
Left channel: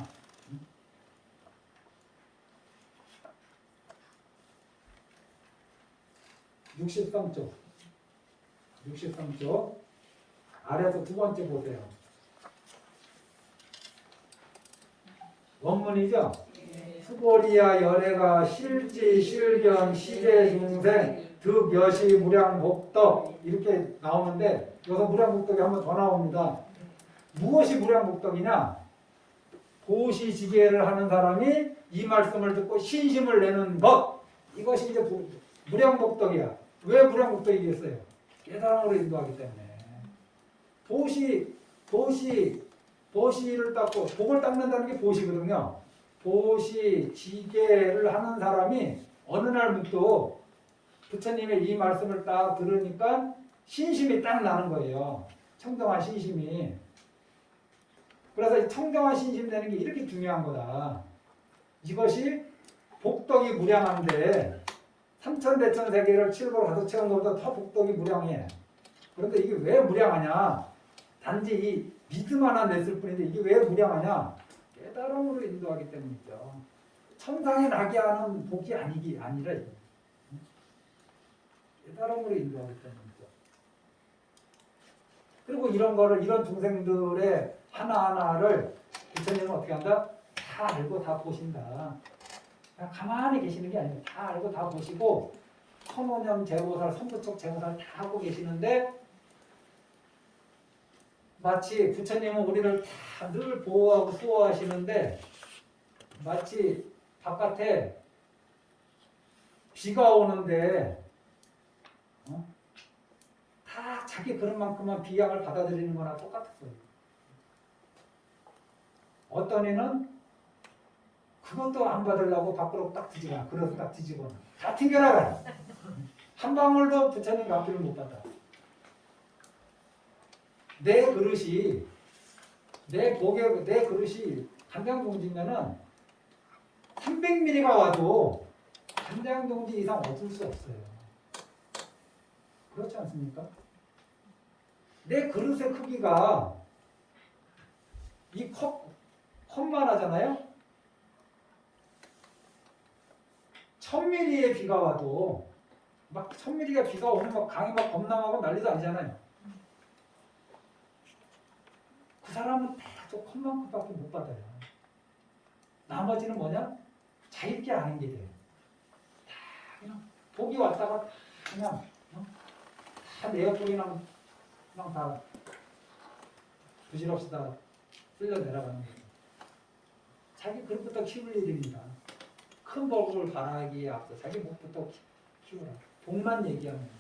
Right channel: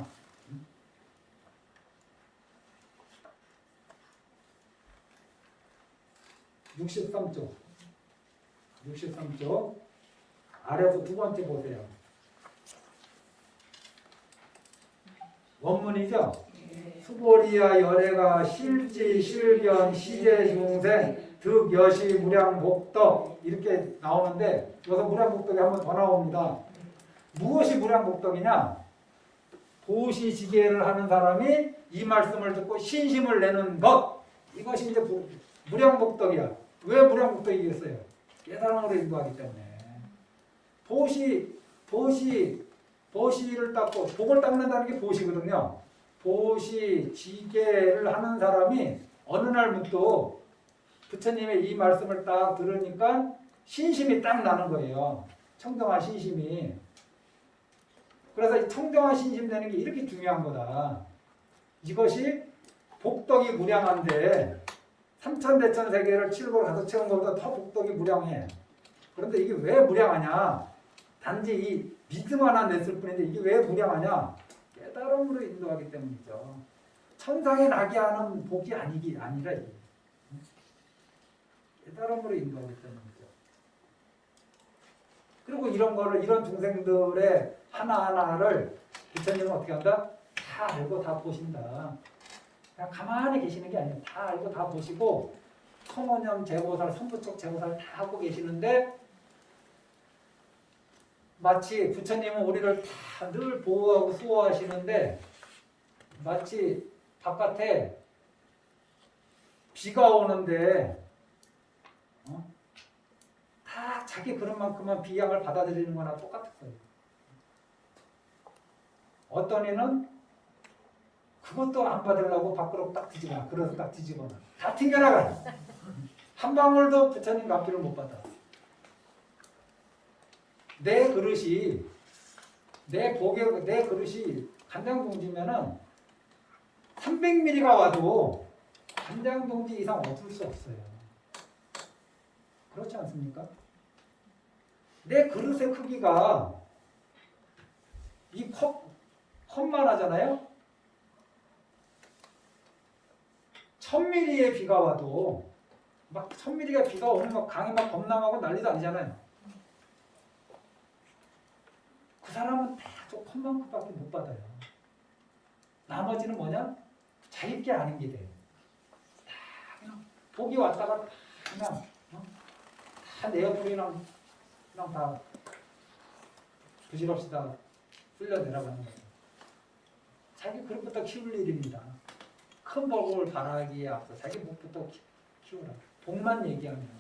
63쪽. 63쪽. 아래서 두 번째 보세요. 원문이죠? 수보리야 열애가 실지 실견 시제 중생 득 여시 무량 복덕 이렇게 나오는데 여기서 무량 복덕이 한 번 더 나옵니다. 무엇이 무량 복덕이냐? 보시지계를 하는 사람이 이 말씀을 듣고 신심을 내는 것 이것이 이제 무량 복덕이야. 왜 무량 복덕이겠어요? 깨달음으로 인도하기 때문에. 보시를 닦고 복을 닦는다는 게 보시거든요. 보시 지계를 하는 사람이 어느 날 문득 부처님의 이 말씀을 딱 들으니까 신심이 딱 나는 거예요. 청정한 신심이. 그래서 이 청정한 신심 내는 게 이렇게 중요한 거다. 이것이 복덕이 무량한데 삼천대천 세계를 칠보로 가서 채운 것보다 더 복덕이 무량해. 그런데 이게 왜 무량하냐? 단지 이 믿음 하나 냈을 뿐인데 이게 왜 무량하냐? 깨달음으로 인도하기 때문이죠. 천상에 나게 하는 복이 아니라 이게. 깨달음으로 인도하기 때문이죠. 그리고 이런 중생들의 하나하나를 부처님은 어떻게 한다? 다 알고 다 보신다. 그냥 가만히 계시는 게 아니에요. 다 알고 다 보시고 선원형 제보살, 선부척 제보살 다 하고 계시는데 마치 부처님은 우리를 다 늘 보호하고 수호하시는데 마치 바깥에 비가 오는데 다 자기 그릇만큼만 비양을 받아들이는 거나 똑같았어요. 어떤 이는 그것도 안 받으려고 밖으로 딱 뒤집어놔. 그래서 딱 뒤집어놔. 다 튕겨나가요. 한 방울도 부처님 앞뒤를 못 받아. 내 그릇이 내 그릇이 간장동지면은 300ml가 와도 간장동지 이상 얻을 수 없어요. 그렇지 않습니까? 내 그릇의 크기가 이 컵만 하잖아요. 1000ml의 비가 와도 막 1000ml가 비가 오면 막 강이 막 범람하고 난리도 아니잖아요. 그 사람은 딱 컵만큼밖에 못 받아요. 나머지는 뭐냐? 자기께 아는 게 돼. 다 그냥 복이 왔다가 그냥 다 내 옆으로 그냥 다 부질없이 다 흘려 내려가는 거예요. 자기 그릇부터 키울 일입니다. 큰 복을 바라기에 앞서 자기 복부터 키우라. 복만 얘기하는 거예요.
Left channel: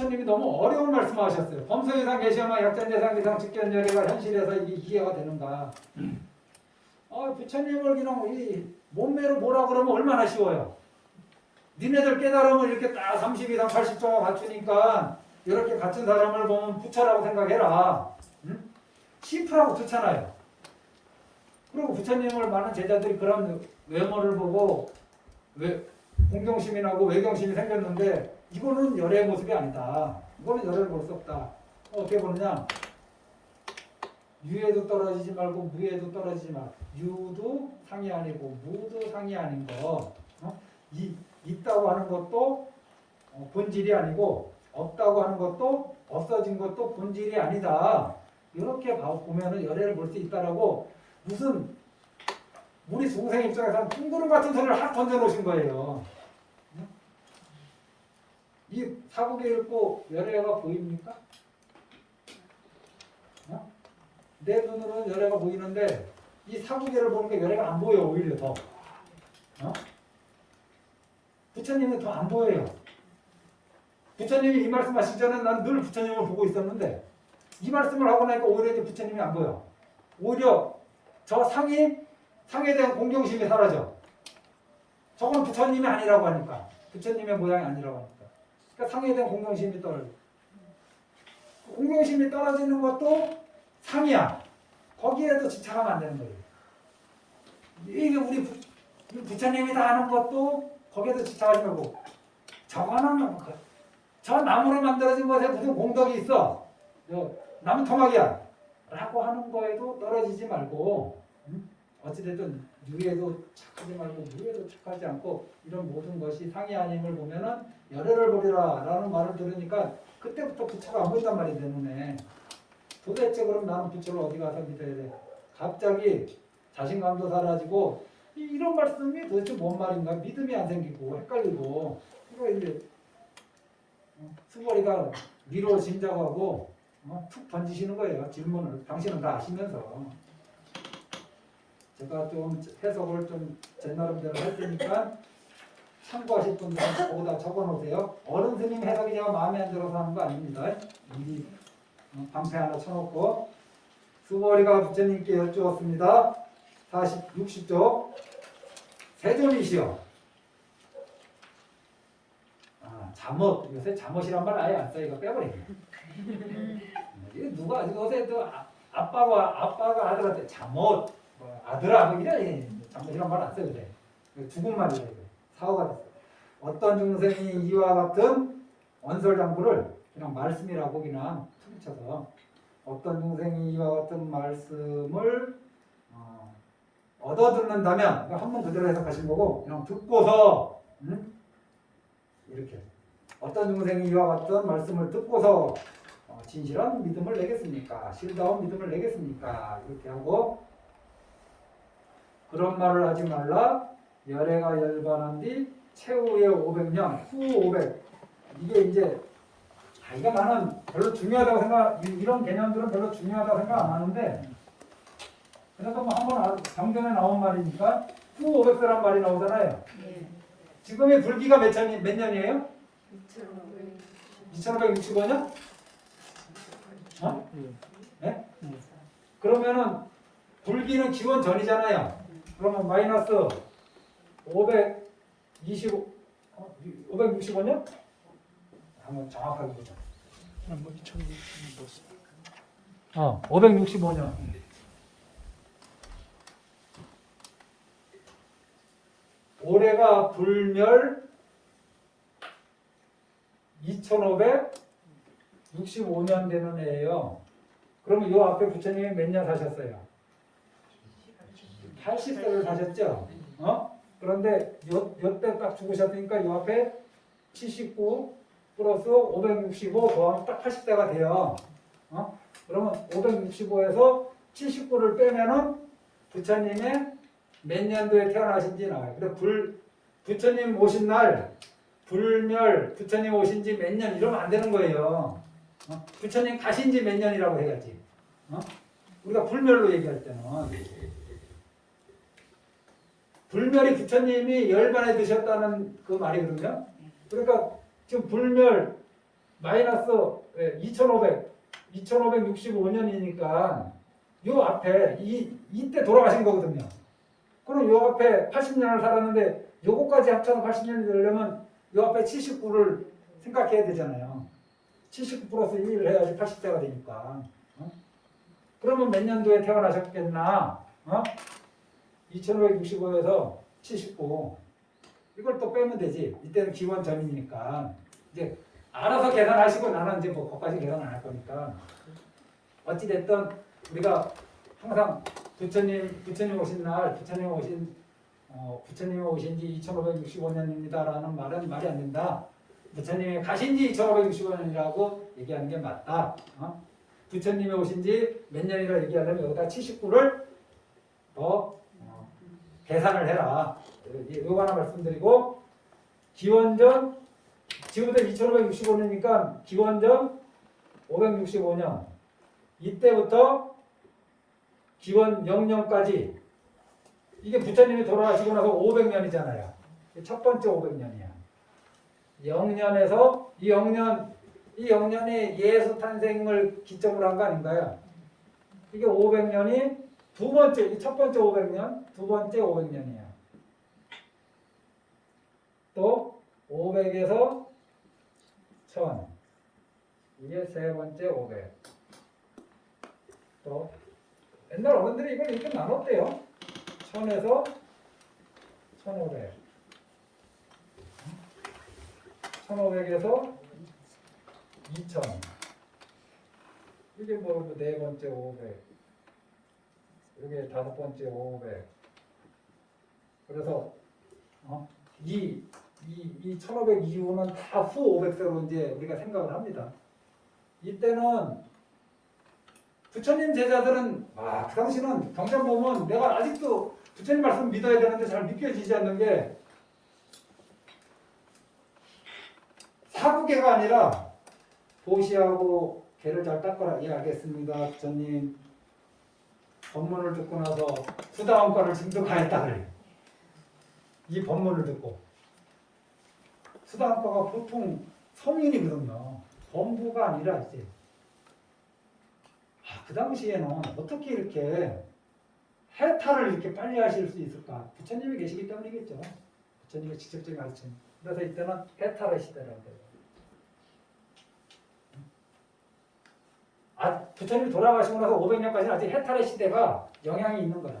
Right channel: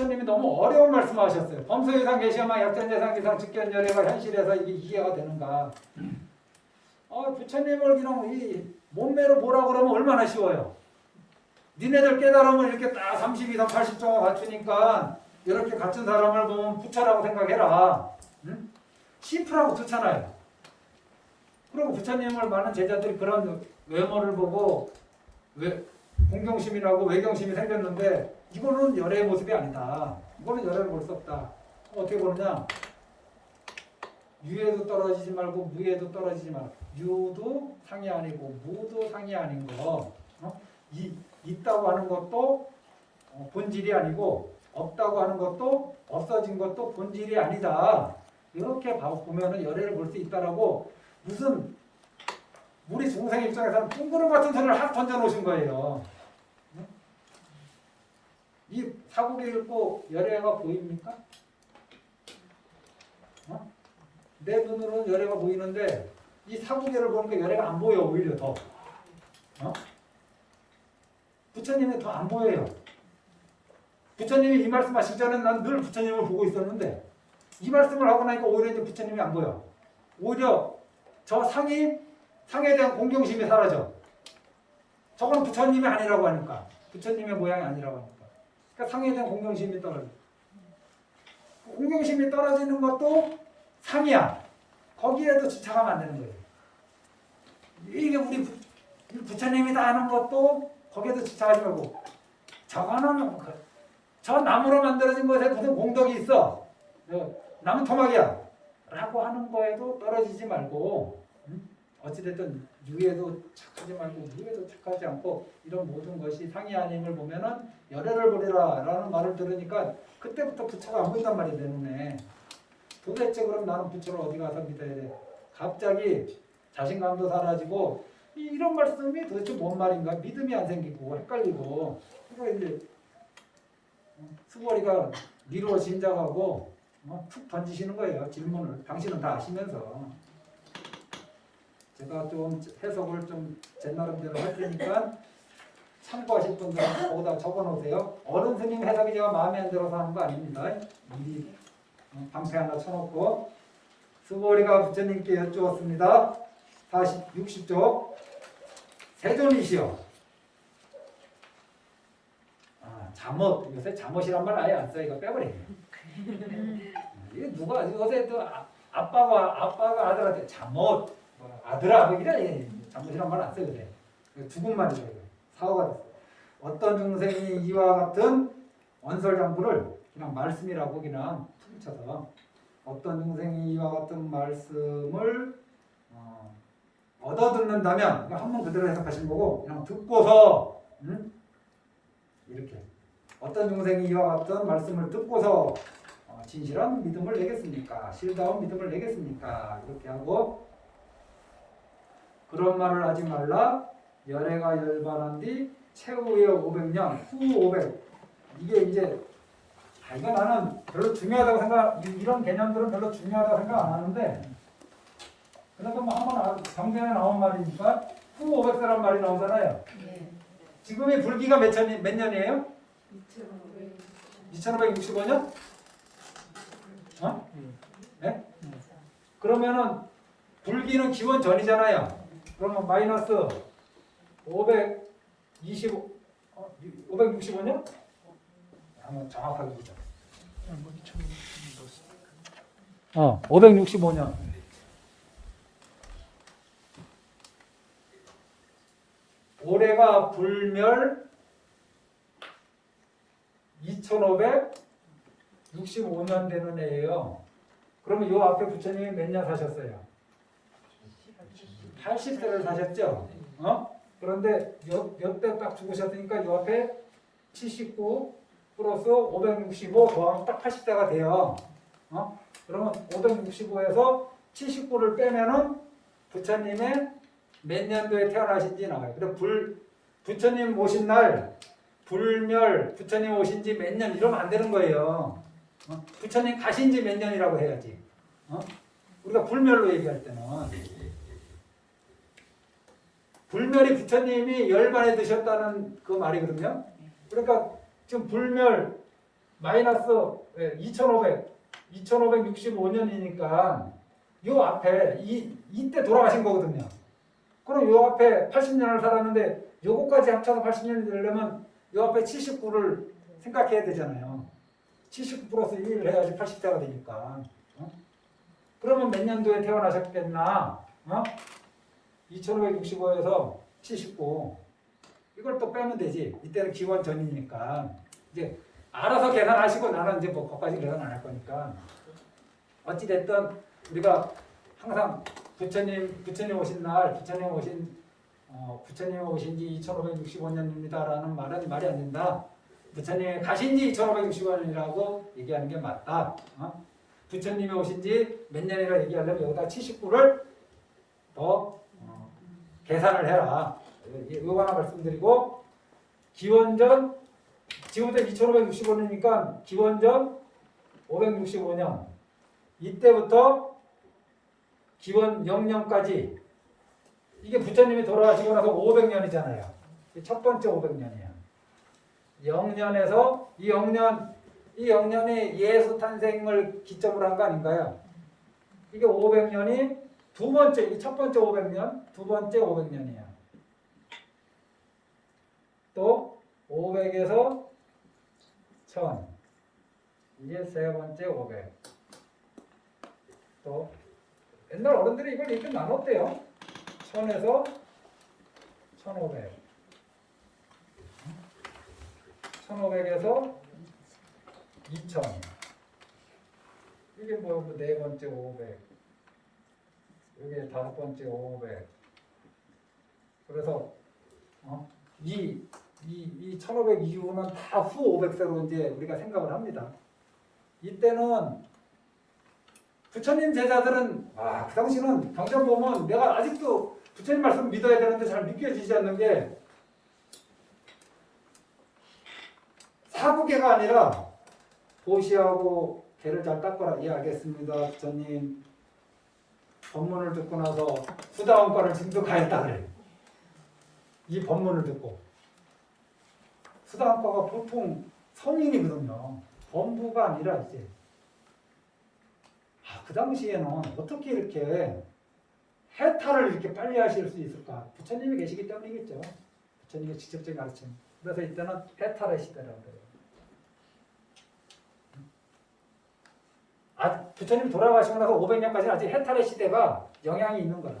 부처님이 너무 어려운 말씀하셨어요. 범소유상 계시야만 약전예상 위상 직견열애가 현실에서 이게 이해가 되는가? 부처님을 그냥 이 몸매로 뭐라 그러면 얼마나 쉬워요. 니네들 깨달으면 이렇게 딱 32상 80종을 갖추니까 이렇게 갖춘 사람을 보면 부처라고 생각해라. 응? 시프라고 좋잖아요. 그리고 부처님을 많은 제자들이 그런 외모를 보고 공경심이 나고 외경심이 생겼는데 이거는 열애의 모습이 아니다. 이거는 열애를 볼 수 없다. 어떻게 보느냐? 유에도 떨어지지 말고 무에도 떨어지지 마. 유도 상이 아니고 무도 상이 아닌 거. 있다고 하는 것도 본질이 아니고 없다고 하는 것도 없어진 것도 본질이 아니다. 이렇게 보면은 열애를 볼 수 있다라고 무슨 우리 중생 입장에서는 뚱그름 같은 소리를 확 던져놓으신 거예요. 이 사국에 읽고 열애가 보입니까? 내 눈으로는 열애가 보이는데 이 사국에를 보니까 열애가 안 보여. 오히려 더. 부처님이 더 안 보여요. 부처님이 이 말씀하시기 전에 난 늘 부처님을 보고 있었는데 이 말씀을 하고 나니까 오히려 이제 부처님이 안 보여. 오히려 저 상에 대한 공경심이 사라져. 저건 부처님이 아니라고 하니까. 부처님의 모양이 아니라고 하니까. 그러니까 상에 대한 공경심이 떨어져. 공경심이 떨어지는 것도 상이야. 거기에도 집착하면 안 되는 거예요. 이게 우리 부처님이 다 하는 것도 거기에도 집착하지 말고 저거는 저 나무로 만들어진 것에 무슨 공덕이 있어. 나무 토막이야. 라고 하는 거에도 떨어지지 말고 어찌됐든 유에도 착하지 말고 무에도 착하지 않고 이런 모든 것이 상이 아님을 보면은 열애를 보리라 라는 말을 들으니까 그때부터 부처가 안 보인단 말이 되는데 도대체 그럼 나는 부처를 어디 가서 믿어야 돼? 갑자기 자신감도 사라지고 이런 말씀이 도대체 뭔 말인가 믿음이 안 생기고 헷갈리고 그러니까 이제 수고리가 미루어 짐작하고 툭 던지시는 거예요. 질문을 당신은 다 아시면서 제가 좀 해석을 좀 제 나름대로 할 테니까 참고하실 분들은 거기다 적어놓으세요. 어른 스님 해석이 제가 마음에 안 들어서 하는 거 아닙니다. 미리 방패 하나 쳐놓고 수고리가 부처님께 여쭈었습니다. 60쪽 세존이시여 잠옷 요새 잠옷이란 말 아예 안 써. 이거 빼버리네. 이거 누가 요새 또 아빠가 아들한테 잠옷 아들아 뭐 이래 잠옷이란 말 안 써. 요새 죽은 말이래. 사고가 됐어. 어떤 중생이 이와 같은 원설장구를 그냥 말씀이라고 그냥 퉁쳐서 어떤 중생이 이와 같은 말씀을 얻어듣는다면 한번 그대로 해석하신 거고 그냥 듣고서 이렇게 어떤 중생이 이와 같은 말씀을 듣고서 진실한 믿음을 내겠습니까? 실다운 믿음을 내겠습니까? 이렇게 하고 그런 말을 하지 말라. 열애가 열반한 뒤 최후의 500년 후 500 이게 이제 이거 나는 별로 중요하다고 생각 이런 개념들은 별로 중요하다고 생각 안 하는데 그래도 뭐 한번 경전에 나온 말이니까 후 500세란 말이 나오잖아요. 네. 지금의 불기가 몇 년이에요? 2565년? 네? 그러면은 불기는 기원 전이잖아요. 그러면 마이너스 565년? 한번 정확하게 보자. 565년. 올해가 불멸 2565년 되는 해예요. 그러면 요 앞에 부처님이 몇 년 사셨어요? 80세를 사셨죠? 그런데 요때 딱 죽으셨으니까 요 앞에 79 플러스 565 더하면 딱 80세가 돼요. 그러면 565에서 79를 빼면은 부처님의 몇 년도에 태어나신지 나와요. 그래 부처님 오신 날 불멸 부처님 오신 지 몇 년 이러면 안 되는 거예요. 부처님 가신 지 몇 년이라고 해야지. 우리가 불멸로 얘기할 때는 불멸이 부처님이 열반에 드셨다는 그 말이거든요. 그러니까 지금 불멸 마이너스 2565년이니까 요 앞에 이때 돌아가신 거거든요. 그럼 요 앞에 80년을 살았는데 요거까지 합쳐서 80년이 되려면 요 앞에 79를 생각해야 되잖아요. 79 플러스 1을 해야지 80세가 되니까. 그러면 몇 년도에 태어나셨겠나? 2565에서 79. 이걸 또 빼면 되지. 이때는 기원 전이니까. 이제 알아서 계산하시고 나는 이제 뭐 거기까지 계산 안 할 거니까. 어찌됐든 우리가 항상 부처님 오신 날, 부처님 오신 지 2565년입니다라는 말은 말이 안 된다. 부처님이 가신 지 2565년이라고 얘기하는 게 맞다. 부처님이 오신 지 몇 년이라 얘기하려면 여기다 79를 더 계산을 해라. 요거 하나 말씀드리고, 기원전, 지금부터 2565년이니까 기원전 565년, 이때부터 기원 0년까지, 이게 부처님이 돌아가시고 나서 500년이잖아요. 첫 번째 500년이야. 0년에서 이 0년이 예수 탄생을 기점으로 한 거 아닌가요? 이게 500년이 두 번째, 첫 번째 500년, 두 번째 500년이야. 또 500에서 1000, 이게 세 번째 500. 또 옛날 어른들이 이걸 이렇게 나눴대요. 1000에서 1500, 1500에서 2000, 이게 뭐 네 번째 500, 이게 다섯 번째 500. 그래서 이 1500 이후는 다 후 500세로 이제 우리가 생각을 합니다. 이때는 부처님 제자들은 그 당시는 경전 보면 내가 아직도 부처님 말씀 믿어야 되는데 잘 믿겨지지 않는 게, 사부계가 아니라 보시하고 개를 잘 닦아라. 예, 알겠습니다. 부처님 법문을 듣고 나서 수다원가를 증득하였다 그래. 이 법문을 듣고. 수다원가가 보통 성인이거든요. 범부가 아니라 이제. 그 당시에는 어떻게 이렇게 해탈을 이렇게 빨리 하실 수 있을까? 부처님이 계시기 때문이겠죠. 부처님의 직접적인 가르침. 그래서 이때는 해탈의 시대라고 해요. 부처님이 돌아가시고 나서 500년까지는 아직 해탈의 시대가 영향이 있는 거야.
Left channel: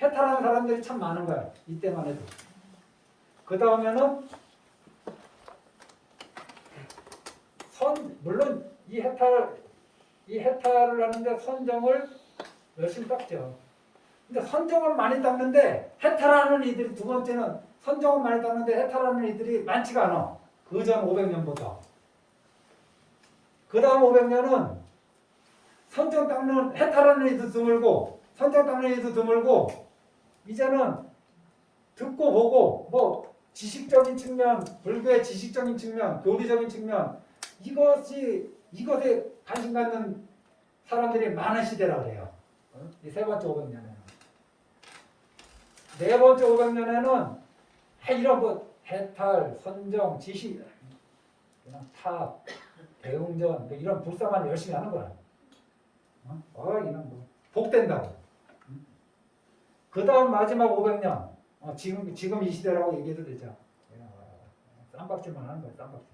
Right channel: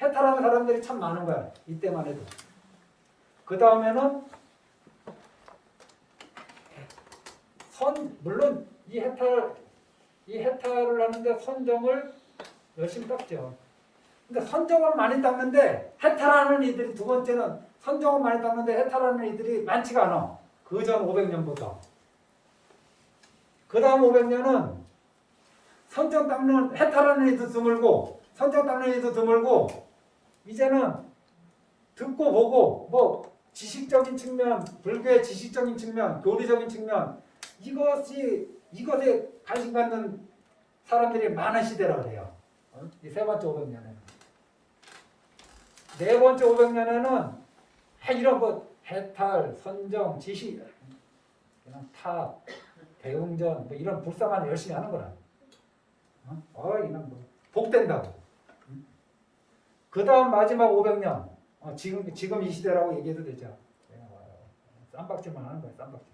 해탈하는 사람들이 참 많은 거야. 이때만 해도. 그 다음에는 물론 이 해탈을 하는데 선정을 열심히 닦죠. 근데 선정은 많이 닦는데 해탈하는 이들이, 두 번째는 선정은 많이 닦는데 해탈하는 이들이 많지가 않아. 그 전 500년보다. 그 다음 500년은 선정 닦는, 해탈하는 이도 드물고 선정 닦는 이도 드물고, 이제는 듣고 보고 뭐 지식적인 측면, 불교의 지식적인 측면, 교리적인 측면, 이것에 관심 갖는 사람들이 많은 시대라고 해요. 이 세 번째 500년에는. 네 번째 500년에는 이런 거 해탈, 선정, 지식, 그냥 탑, 대웅전, 뭐 이런 불사만 열심히 하는 거야. 이는 뭐 복된다고. 그 다음 마지막 500년, 지금 이 시대라고 얘기해도 되죠. 쌈박질만 하는 거예요. 쌈박질.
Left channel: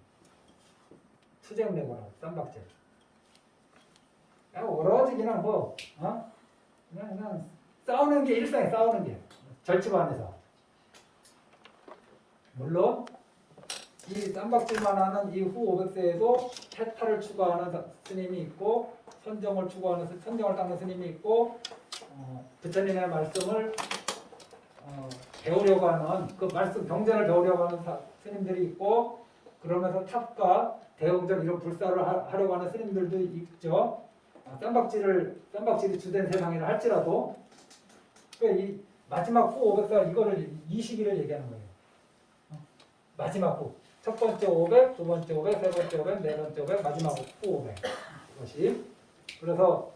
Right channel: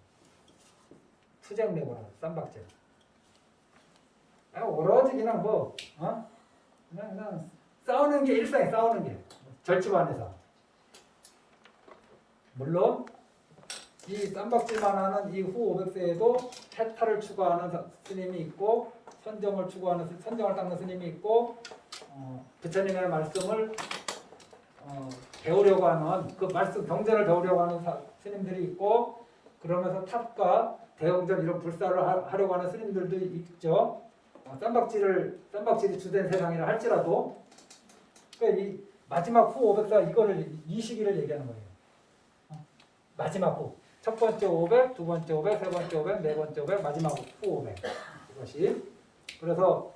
투쟁 내고라. 쌈박질. 오로지 그냥 그냥 싸우는 게 일상에, 싸우는 게 절집 안에서. 물론 이 쌈박질만 하는 이 후 500세에도 해탈을 추구하는 스님이 있고, 선정을 닦는 스님이 있고, 부처님의 말씀을 배우려고 하는, 그 말씀 경전을 배우려고 하는 스님들이 있고, 그러면서 탑과 대웅전 이런 불사를 하려고 하는 스님들도 있죠. 쌈박질이 주된 세상이라 할지라도, 그러니까 이 마지막 후 500사, 이 시기를 얘기하는 거예요. 마지막 후. 첫 번째 500, 두 번째 500, 세 번째 500, 네 번째 500, 마지막 후 500. 이것이. 그래서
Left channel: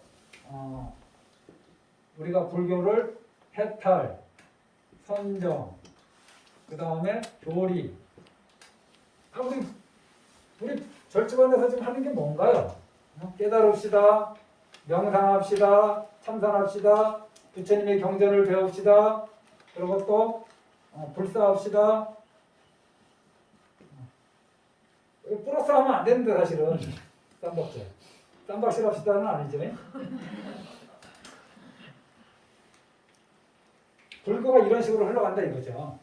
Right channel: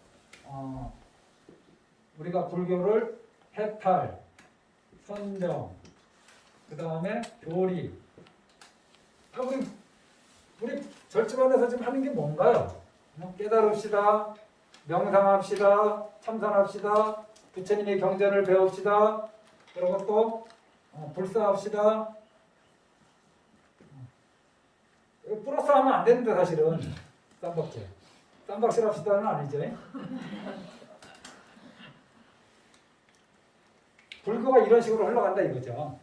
우리가 불교를 해탈, 선정, 그 다음에 교리. 우리 절집안에서 지금 하는 게 뭔가요? 깨달읍시다, 명상합시다, 참선합시다, 부처님의 경전을 배웁시다. 그리고 또 불사합시다. 플러스 하면 안 되는데 사실은 쌈박질. 쌈박질 합시다는 아니죠. 불교가 이런 식으로 흘러간다 이거죠.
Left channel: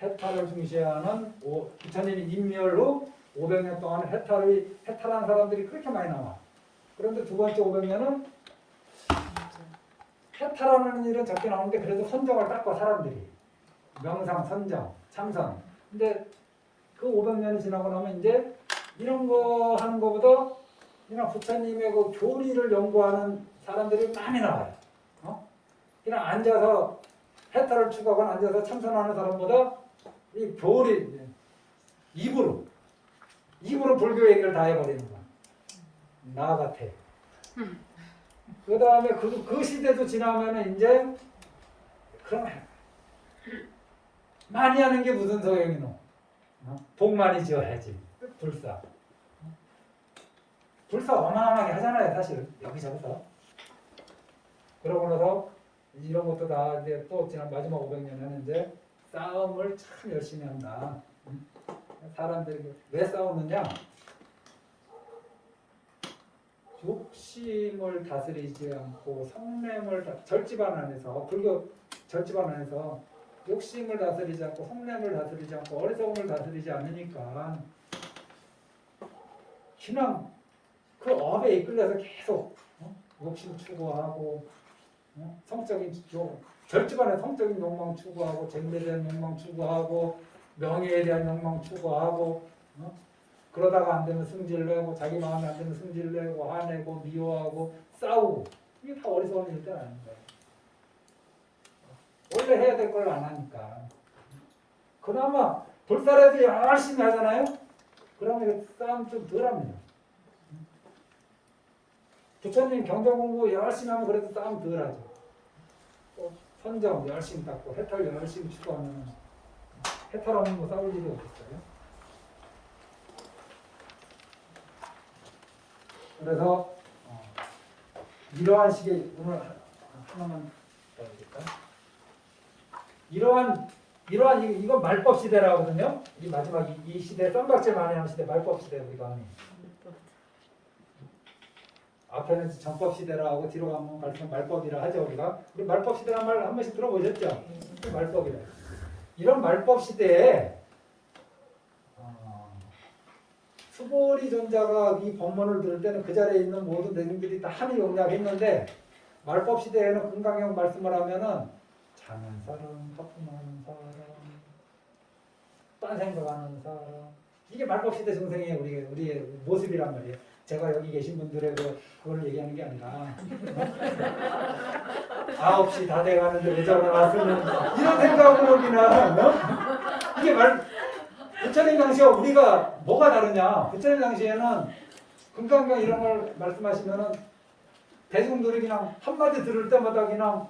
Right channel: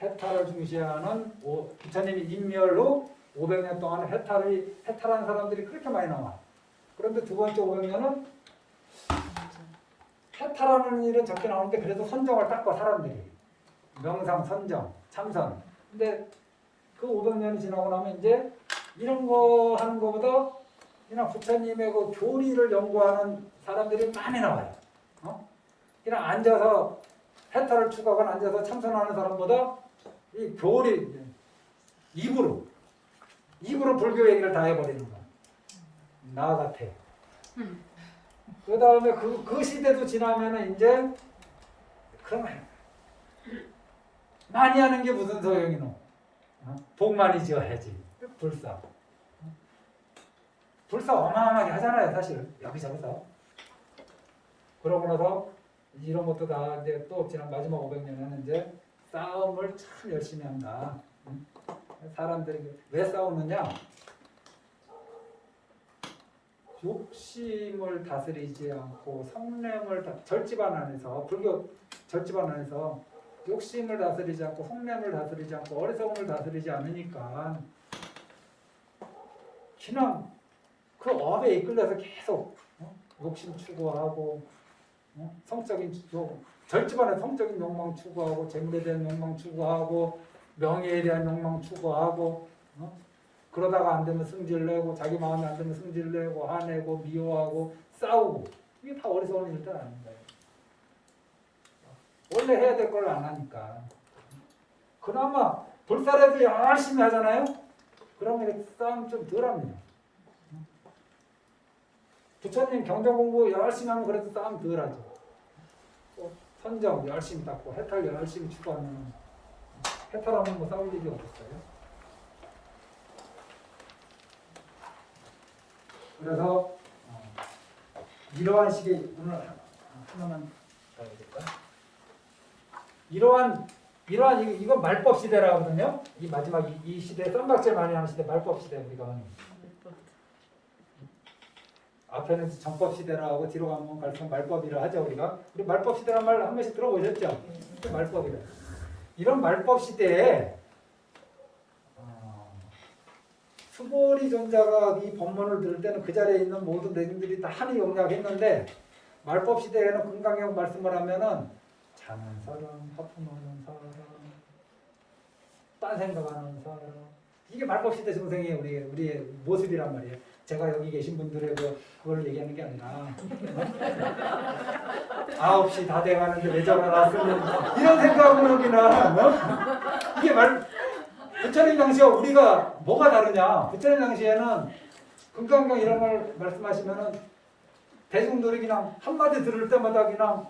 해탈을 중시하는 부처님이 인멸 후 500년 동안 해탈한 사람들이 그렇게 많이 나와. 그런데 두 번째 500년은 해탈하는 일은 적게 나오는데 그래도 선정을 닦고 사람들이 명상, 선정, 참선. 근데 그 500년이 지나고 나면 이제 이런 거 하는 것보다 그냥 부처님의 그 교리를 연구하는 사람들이 많이 나와요. 그냥 앉아서 해탈을 추구하거나 앉아서 참선하는 사람보다 이 교리 입으로 불교 얘기를 다 해버리는 거. 나 같아. 그 다음에 그 시대도 지나면은 이제 그러면 많이 하는 게 무슨 소용이노? 복 많이 지어야지. 불사 어마어마하게 하잖아요, 사실 여기저기서. 그러고 나서 이런 것도 다 이제 또 지난 마지막 500년에는 이제 싸움을 참 열심히 한다. 사람들이 왜 싸우느냐? 욕심을 다스리지 않고 성냄을 절집안 안에서 불교 절집안 안에서 욕심을 다스리지 않고 성냄을 다스리지 않고 어리석음을 다스리지 않으니까 그냥 그 업에 이끌려서 계속 욕심 추구하고 성적인 절집안에 성적인 욕망 추구하고 재물에 대한 욕망 추구하고 명예에 대한 욕망 추구하고 그러다가 안 되면 승질내고 자기 마음에 안 되면 승질내고 화내고 미워하고 싸우고 이게 다 어리석은 일들 아닌가요? 원래 해야 될 걸 안 하니까. 그나마 불사라도 열심히 하잖아요. 그러면 싸움 좀 덜합니다. 부처님 경전 공부 열심히 하면 그래도 싸움 덜하죠. 선정 열심히 닦고 해탈 열심히 추구하면 해탈하면 뭐 싸울 일이 없겠어요. 그래서 이러한 식의 오늘 하나만 더 해야겠다. 이러한 이거 말법 시대라 하거든요. 이 마지막 이 시대 쌈박질 많이 하는 시대 말법 시대 우리가 하니. 앞에는 정법 시대라 하고 뒤로 가면 갈수록 말법이라 하죠 우리가. 우리 말법 시대란 말 한 번씩 들어보셨죠? 말법이라. 이런 말법 시대에 수보리 전자가 이 법문을 들을 때는 그 자리에 있는 모든 대중들이 다 한이 용락했는데 말법 시대에는 금강경 말씀을 하면은 자는 사람, 하품하는 사람, 딴 생각하는 사람 이게 말법 시대 증생이에요. 우리의 모습이란 말이에요. 제가 여기 계신 분들의 그걸 얘기하는 게 아니라 9시 다 돼가는데 왜 저러 왔으면 이런 생각으로 그냥 이게 부처님 당시에 우리가 뭐가 다르냐? 부처님 당시에는 금강경 이런 걸 말씀하시면은 대중들이 그냥 한마디 들을 때마다 그냥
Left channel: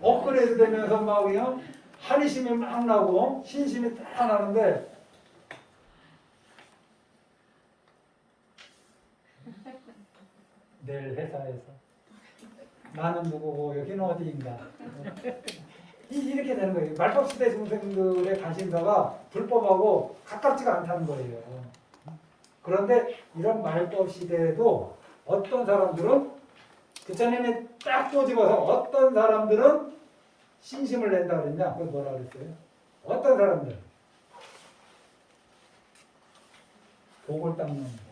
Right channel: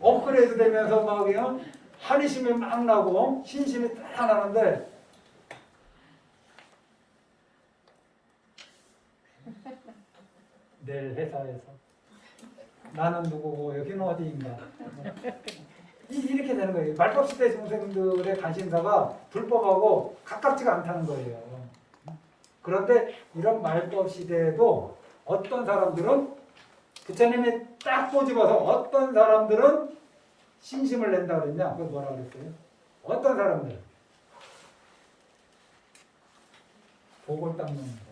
업그레이드 되면서 막 그냥 한의심이 막 나고 신심이 딱 나는데 내일 회사에서 나는 누구고 여기는 어디인가 이렇게 되는 거예요. 말법 시대 중생들의 관심사가 불법하고 가깝지가 않다는 거예요. 그런데 이런 말법 시대에도 어떤 사람들은 부처님이 딱 꼬집어서 어떤 사람들은 신심을 낸다 그랬냐? 그걸 뭐라 그랬어요? 어떤 사람들? 복을 닦는 거.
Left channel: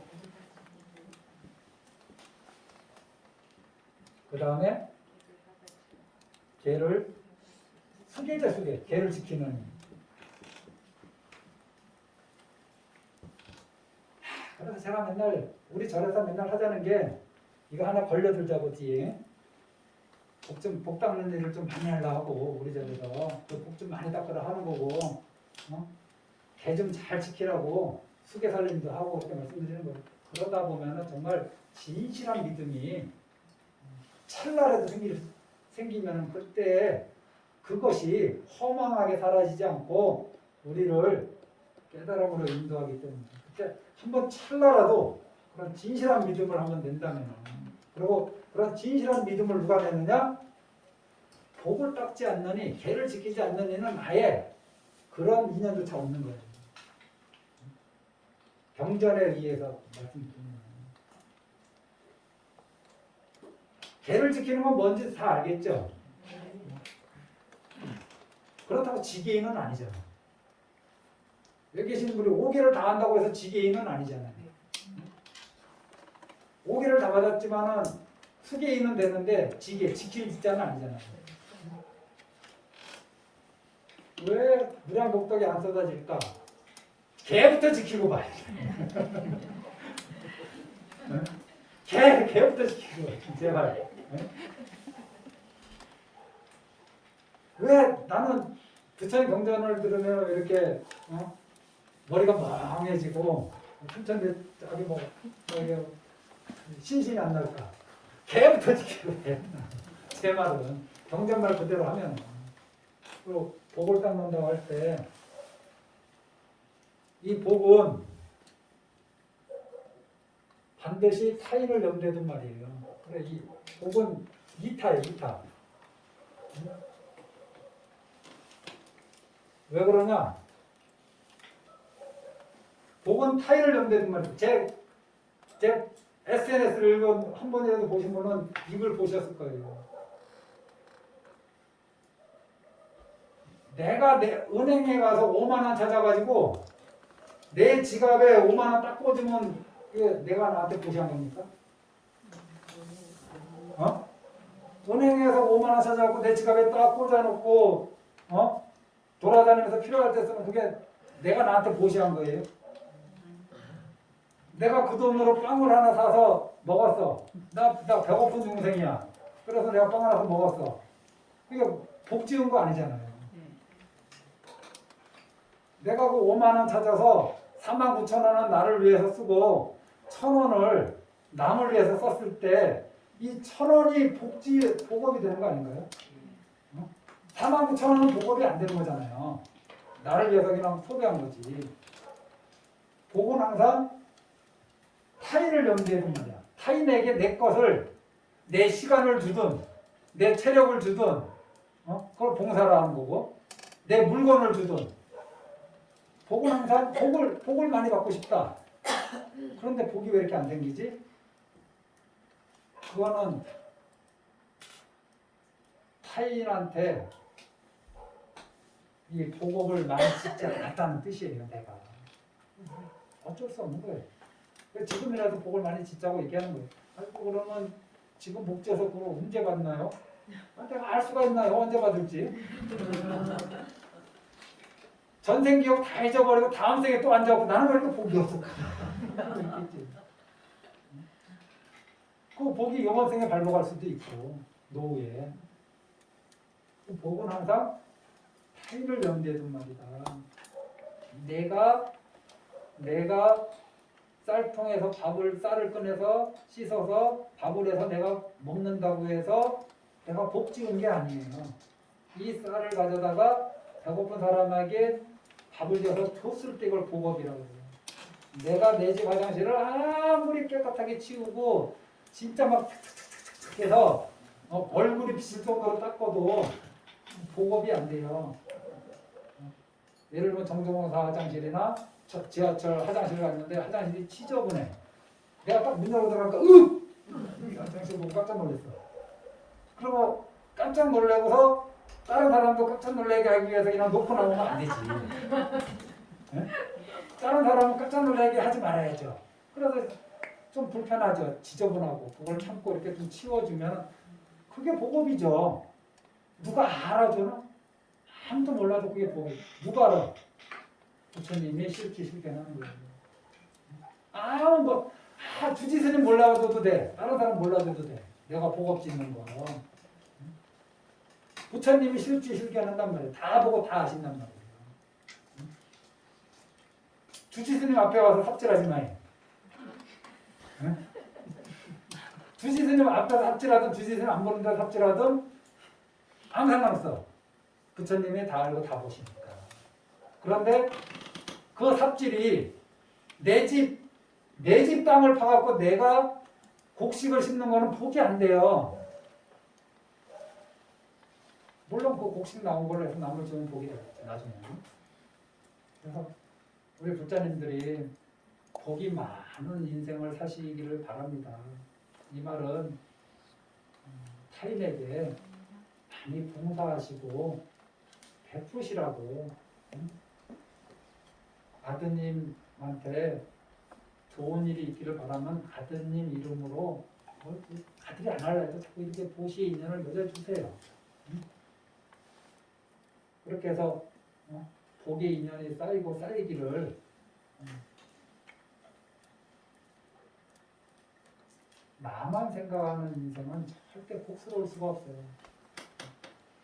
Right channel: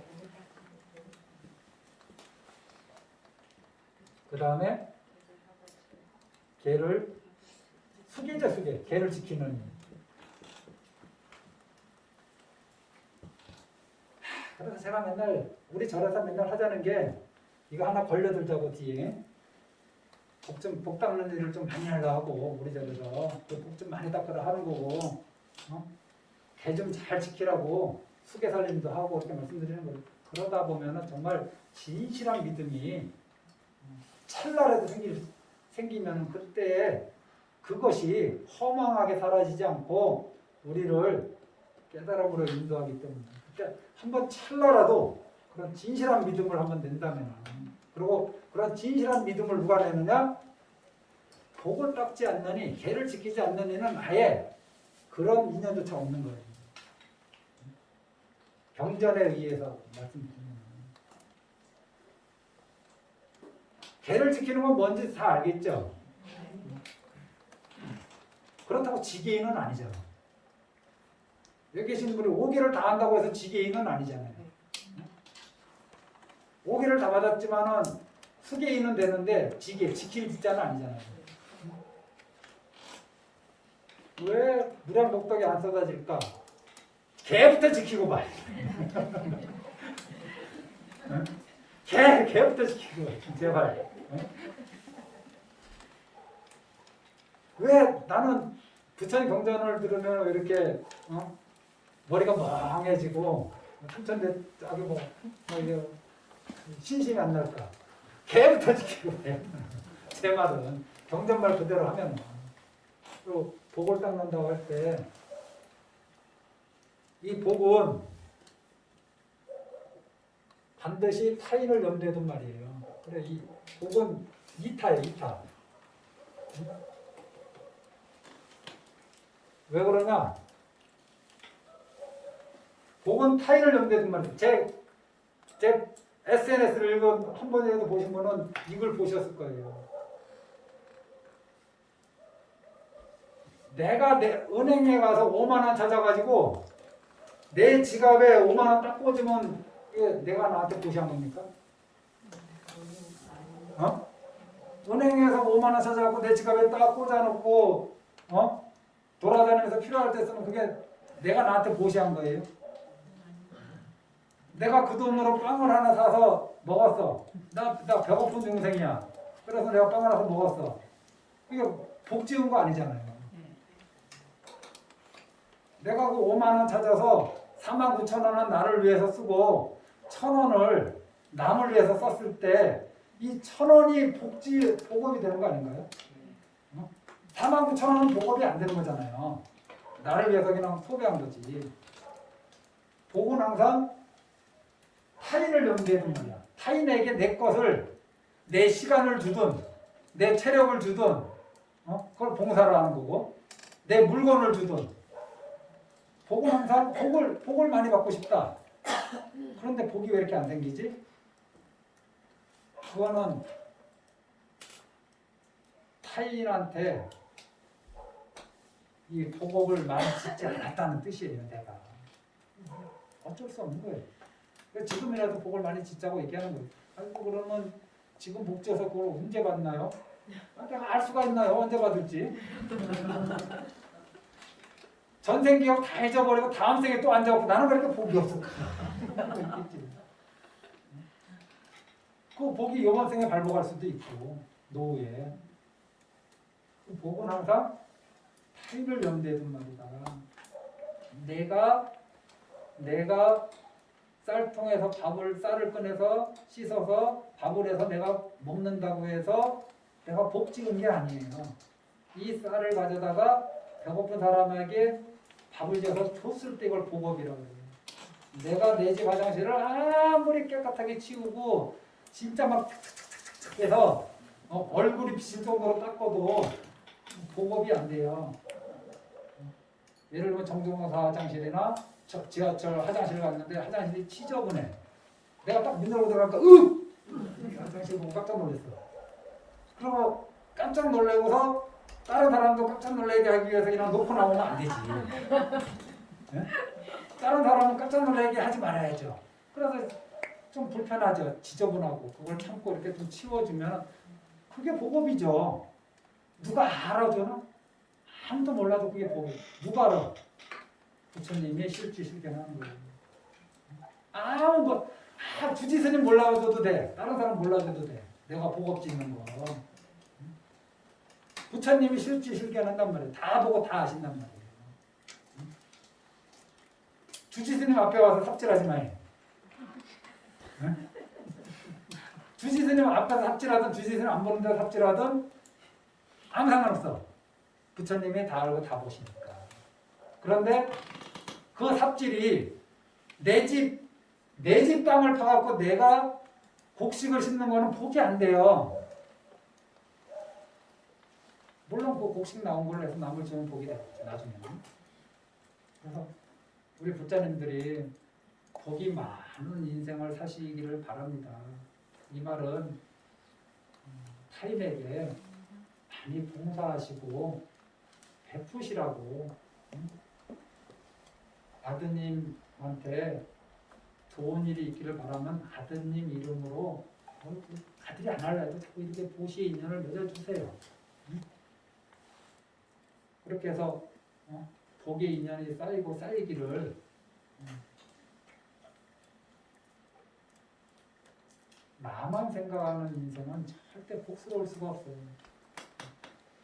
그 다음에 개를 수계자 수계, 개를 지키는. 그래서 제가 맨날 우리 절에서 맨날 하자는 게 이거 하나 걸려들자고 뒤에 복 닦는 일을 좀 많이 하려고 우리 절에서 복 좀 많이 닦으라 하는 거고 개 좀 잘 지키라고 수계 살림도 하고 그렇게 말씀드리는 거예요. 그러다 보면은 정말 진실한 믿음이 찰나라도 생기면 그때 그것이 허망하게 사라지지 않고 우리를 깨달음으로 인도하기 때문에 그때 한번 찰나라도 그런 진실한 믿음을 한번 낸다면, 그리고 그런 진실한 믿음을 누가 내느냐? 복을 닦지 않느니, 계를 지키지 않는 이는 아예 그런 인연조차 없는 거예요. 경전에 의해서 말씀드리면, 계를 지키는 건 뭔지 다 알겠죠? 그렇다고 지게인은 아니잖아. 여기 계신 분이 5개를 다 한다고 해서 지게인은 아니잖아요. 5개를 다 받았지만은 수게인은 되는데 지게, 지킬 지자는 아니잖아요. 왜 무량복덕이 안 쏟아질까? 개부터 지키고 봐. 개부터 지키고 봐. 제발. 왜 나는 부처님 경전을 들으면 왜 이렇게 머리가 멍해지고 삼천대 아주 뭐 이게 신심이 안 날까? 개부터 지키고 해. 제 말은 경전말 그대로 하면 또 복을 닦는다고 할 때 이 복은 반드시 타인을 염두에 둔 말이에요. 그래 이 복은 이타예요, 이타. 왜 그러냐? 복은 타인을 염두에 둔 말이에요. 제 SNS를 한 번이라도 보신 분은 이걸 보셨을 거예요. 내가 내 은행에 가서 5만 원 찾아가지고 내 지갑에 5만 원 딱 꽂으면 이게 내가 나한테 보시한 겁니까? 은행에서 5만 원 찾아갖고 내 지갑에 딱 꽂아놓고 돌아다니면서 필요할 때 쓰면 그게 내가 나한테 보시한 거예요? 내가 그 돈으로 빵을 하나 사서 먹었어. 나 배고픈 중생이야. 그래서 내가 빵 하나 사서 먹었어. 그게 복 지은 거 아니잖아요. 내가 그 5만 원 찾아서 49,000원은 나를 위해서 쓰고 1,000원을 남을 위해서 썼을 때 이 1,000원이 복업이 되는 거 아닌가요? 49,000원은 복업이 안 되는 거잖아요. 나를 위해서 그냥 소비한 거지. 복은 항상 타인을 염두에 둔 말이야. 타인에게 내 것을, 내 시간을 주든, 내 체력을 주든, 그걸 봉사를 하는 거고, 내 물건을 주든. 복은 항상 복을 많이 받고 싶다. 그런데 복이 왜 이렇게 안 생기지? 그거는 타인한테 이 복업을 많이 짓지 않았다는 뜻이에요, 내가. 어쩔 수 없는 거예요. 지금이라도 복을 많이 짓자고 얘기하는 거예요. 아이고 그러면 지금 복 지어서 그걸 언제 받나요? 내가 알 수가 있나요? 언제 받을지? 전생 기억 다 잊어버리고 다음 생에 또 앉아갖고 나는 왜 이렇게 복이 없을까? 그 복이 이번 생에 발복할 수도 있고 노후에. 복은 항상 타인을 염두에 둔 말이다. 내가 쌀통에서 쌀을 꺼내서 씻어서 밥을 해서 내가 먹는다고 해서 내가 복 지은 게 아니에요. 이 쌀을 가져다가 배고픈 사람에게 밥을 지어서 줬을 때 이걸 복업이라고 해요. 내가 내 집 화장실을 아무리 깨끗하게 치우고 진짜 막 탁탁탁탁 해서 얼굴이 비칠 정도로 닦아도 복업이 안 돼요. 예를 들면 정정원사 화장실이나 지하철 화장실 갔는데 화장실이 지저분해. 내가 딱 문 열고 들어가니까 이 화장실 보고 깜짝 놀랐어. 그리고 깜짝 놀래고서 다른 사람도 깜짝 놀라게 하기 위해서 그냥 놓고 나오면 안 되지. 네? 다른 사람은 깜짝 놀라게 하지 말아야죠. 그래서 좀 불편하죠. 지저분하고 그걸 참고 이렇게 좀 치워주면 그게 복업이죠. 누가 알아주나? 아무도 몰라도 그게 복이. 누가 알아? 부처님이 실기하는 거예요. 주지 스님 몰라줘도 돼. 다른 사람 몰라줘도 돼. 내가 복업 짓는 거. 부처님이 실기한단 말이에요. 다 보고 다 아신단 말이에요. 주지 스님 앞에 와서 삽질하지 마요. 주지 스님 앞에서 삽질하든 주지 스님 안 보는 데서 삽질하든 아무 상관없어. 부처님이 다 알고 다 보시니까. 그런데 그 삽질이 내 집 내 집 땅을 파갖고 내가 곡식을 심는 거는 복이 안 돼요. 물론 그 곡식 나온 걸로 해서 남을 주면 복이 되겠지 나중에는. 그래서 우리 부자님들이 복이 많은 인생을 사시기를 바랍니다. 이 말은 타인에게 많이 봉사하시고 베푸시라고. 아드님한테 좋은 일이 있기를 바라면 아드님 이름으로 아들이 안 할래도 자꾸 이렇게 보시의 인연을 맺어주세요. 그렇게 해서 복의 인연이 쌓이고 쌓이기를 나만 생각하는 인생은 절대 복스러울 수가 없어요.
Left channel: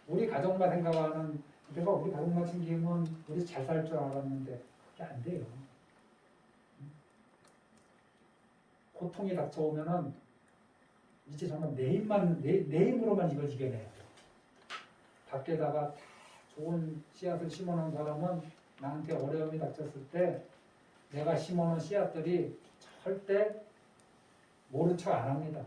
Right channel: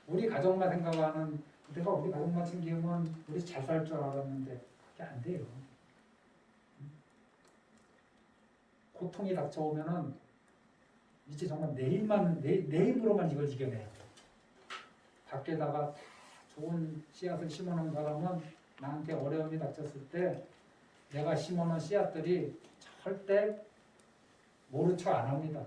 우리 가족만 생각하는, 내가 우리 가족만 챙기면 우리 잘 살 줄 알았는데 그게 안 돼요. 고통이 닥쳐오면은 이제 정말 내 힘으로만 이걸 이겨내야 돼요. 밖에다가 다 좋은 씨앗을 심어놓은 사람은 나한테 어려움이 닥쳤을 때 내가 심어놓은 씨앗들이 절대 모른 척 안 합니다.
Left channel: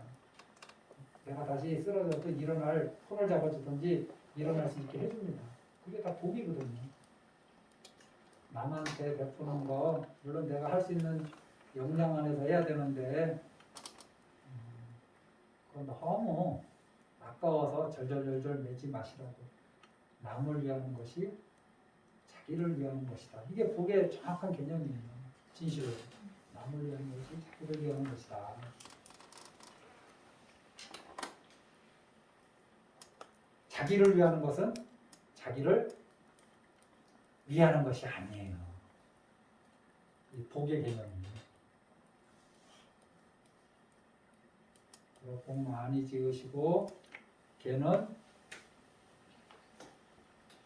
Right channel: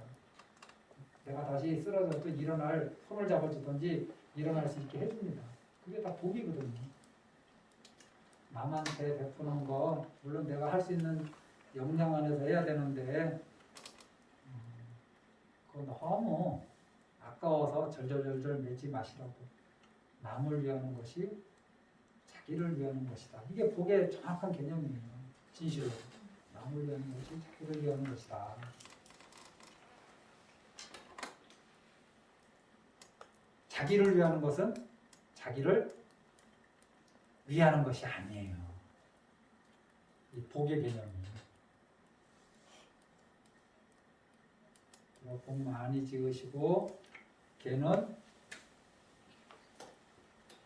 내가 다시 쓰러져도 일어날, 손을 잡아주든지 일어날 수 있게 해줍니다. 그게 다 복이거든요. 남한테 베푸는 거 물론 내가 할 수 있는 역량 안에서 해야 되는데 그건 너무 아까워서 절절절절 매지 마시라고. 남을 위하는 것이 자기를 위하는 것이다. 이게 복의 정확한 개념이에요. 진실로. 남을 위하는 것이 자기를 위하는 것이다. 자기를 위하는 것은 자기를 위하는 것이 아니에요. 이 복의 개념이에요. 복 많이 지으시고 걔는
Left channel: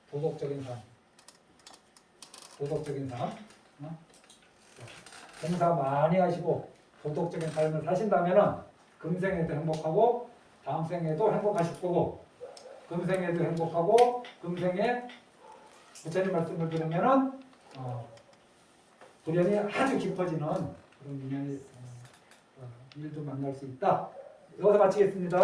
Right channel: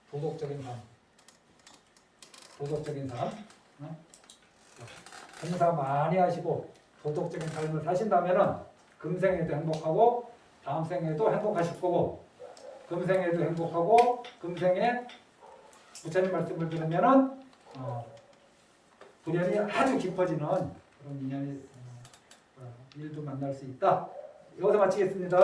도덕적인 삶. 도덕적인 삶. 봉사 많이 하시고 도덕적인 삶을 사신다면은 금생에도 행복하고 다음 생에도 행복하실 거고 금생에도 행복하고 금생에 부처님 말씀을 들으면은 불연이 아주 깊어지는 그런 인연이 일도 만날 수 있다. 여기서 마치겠습니다.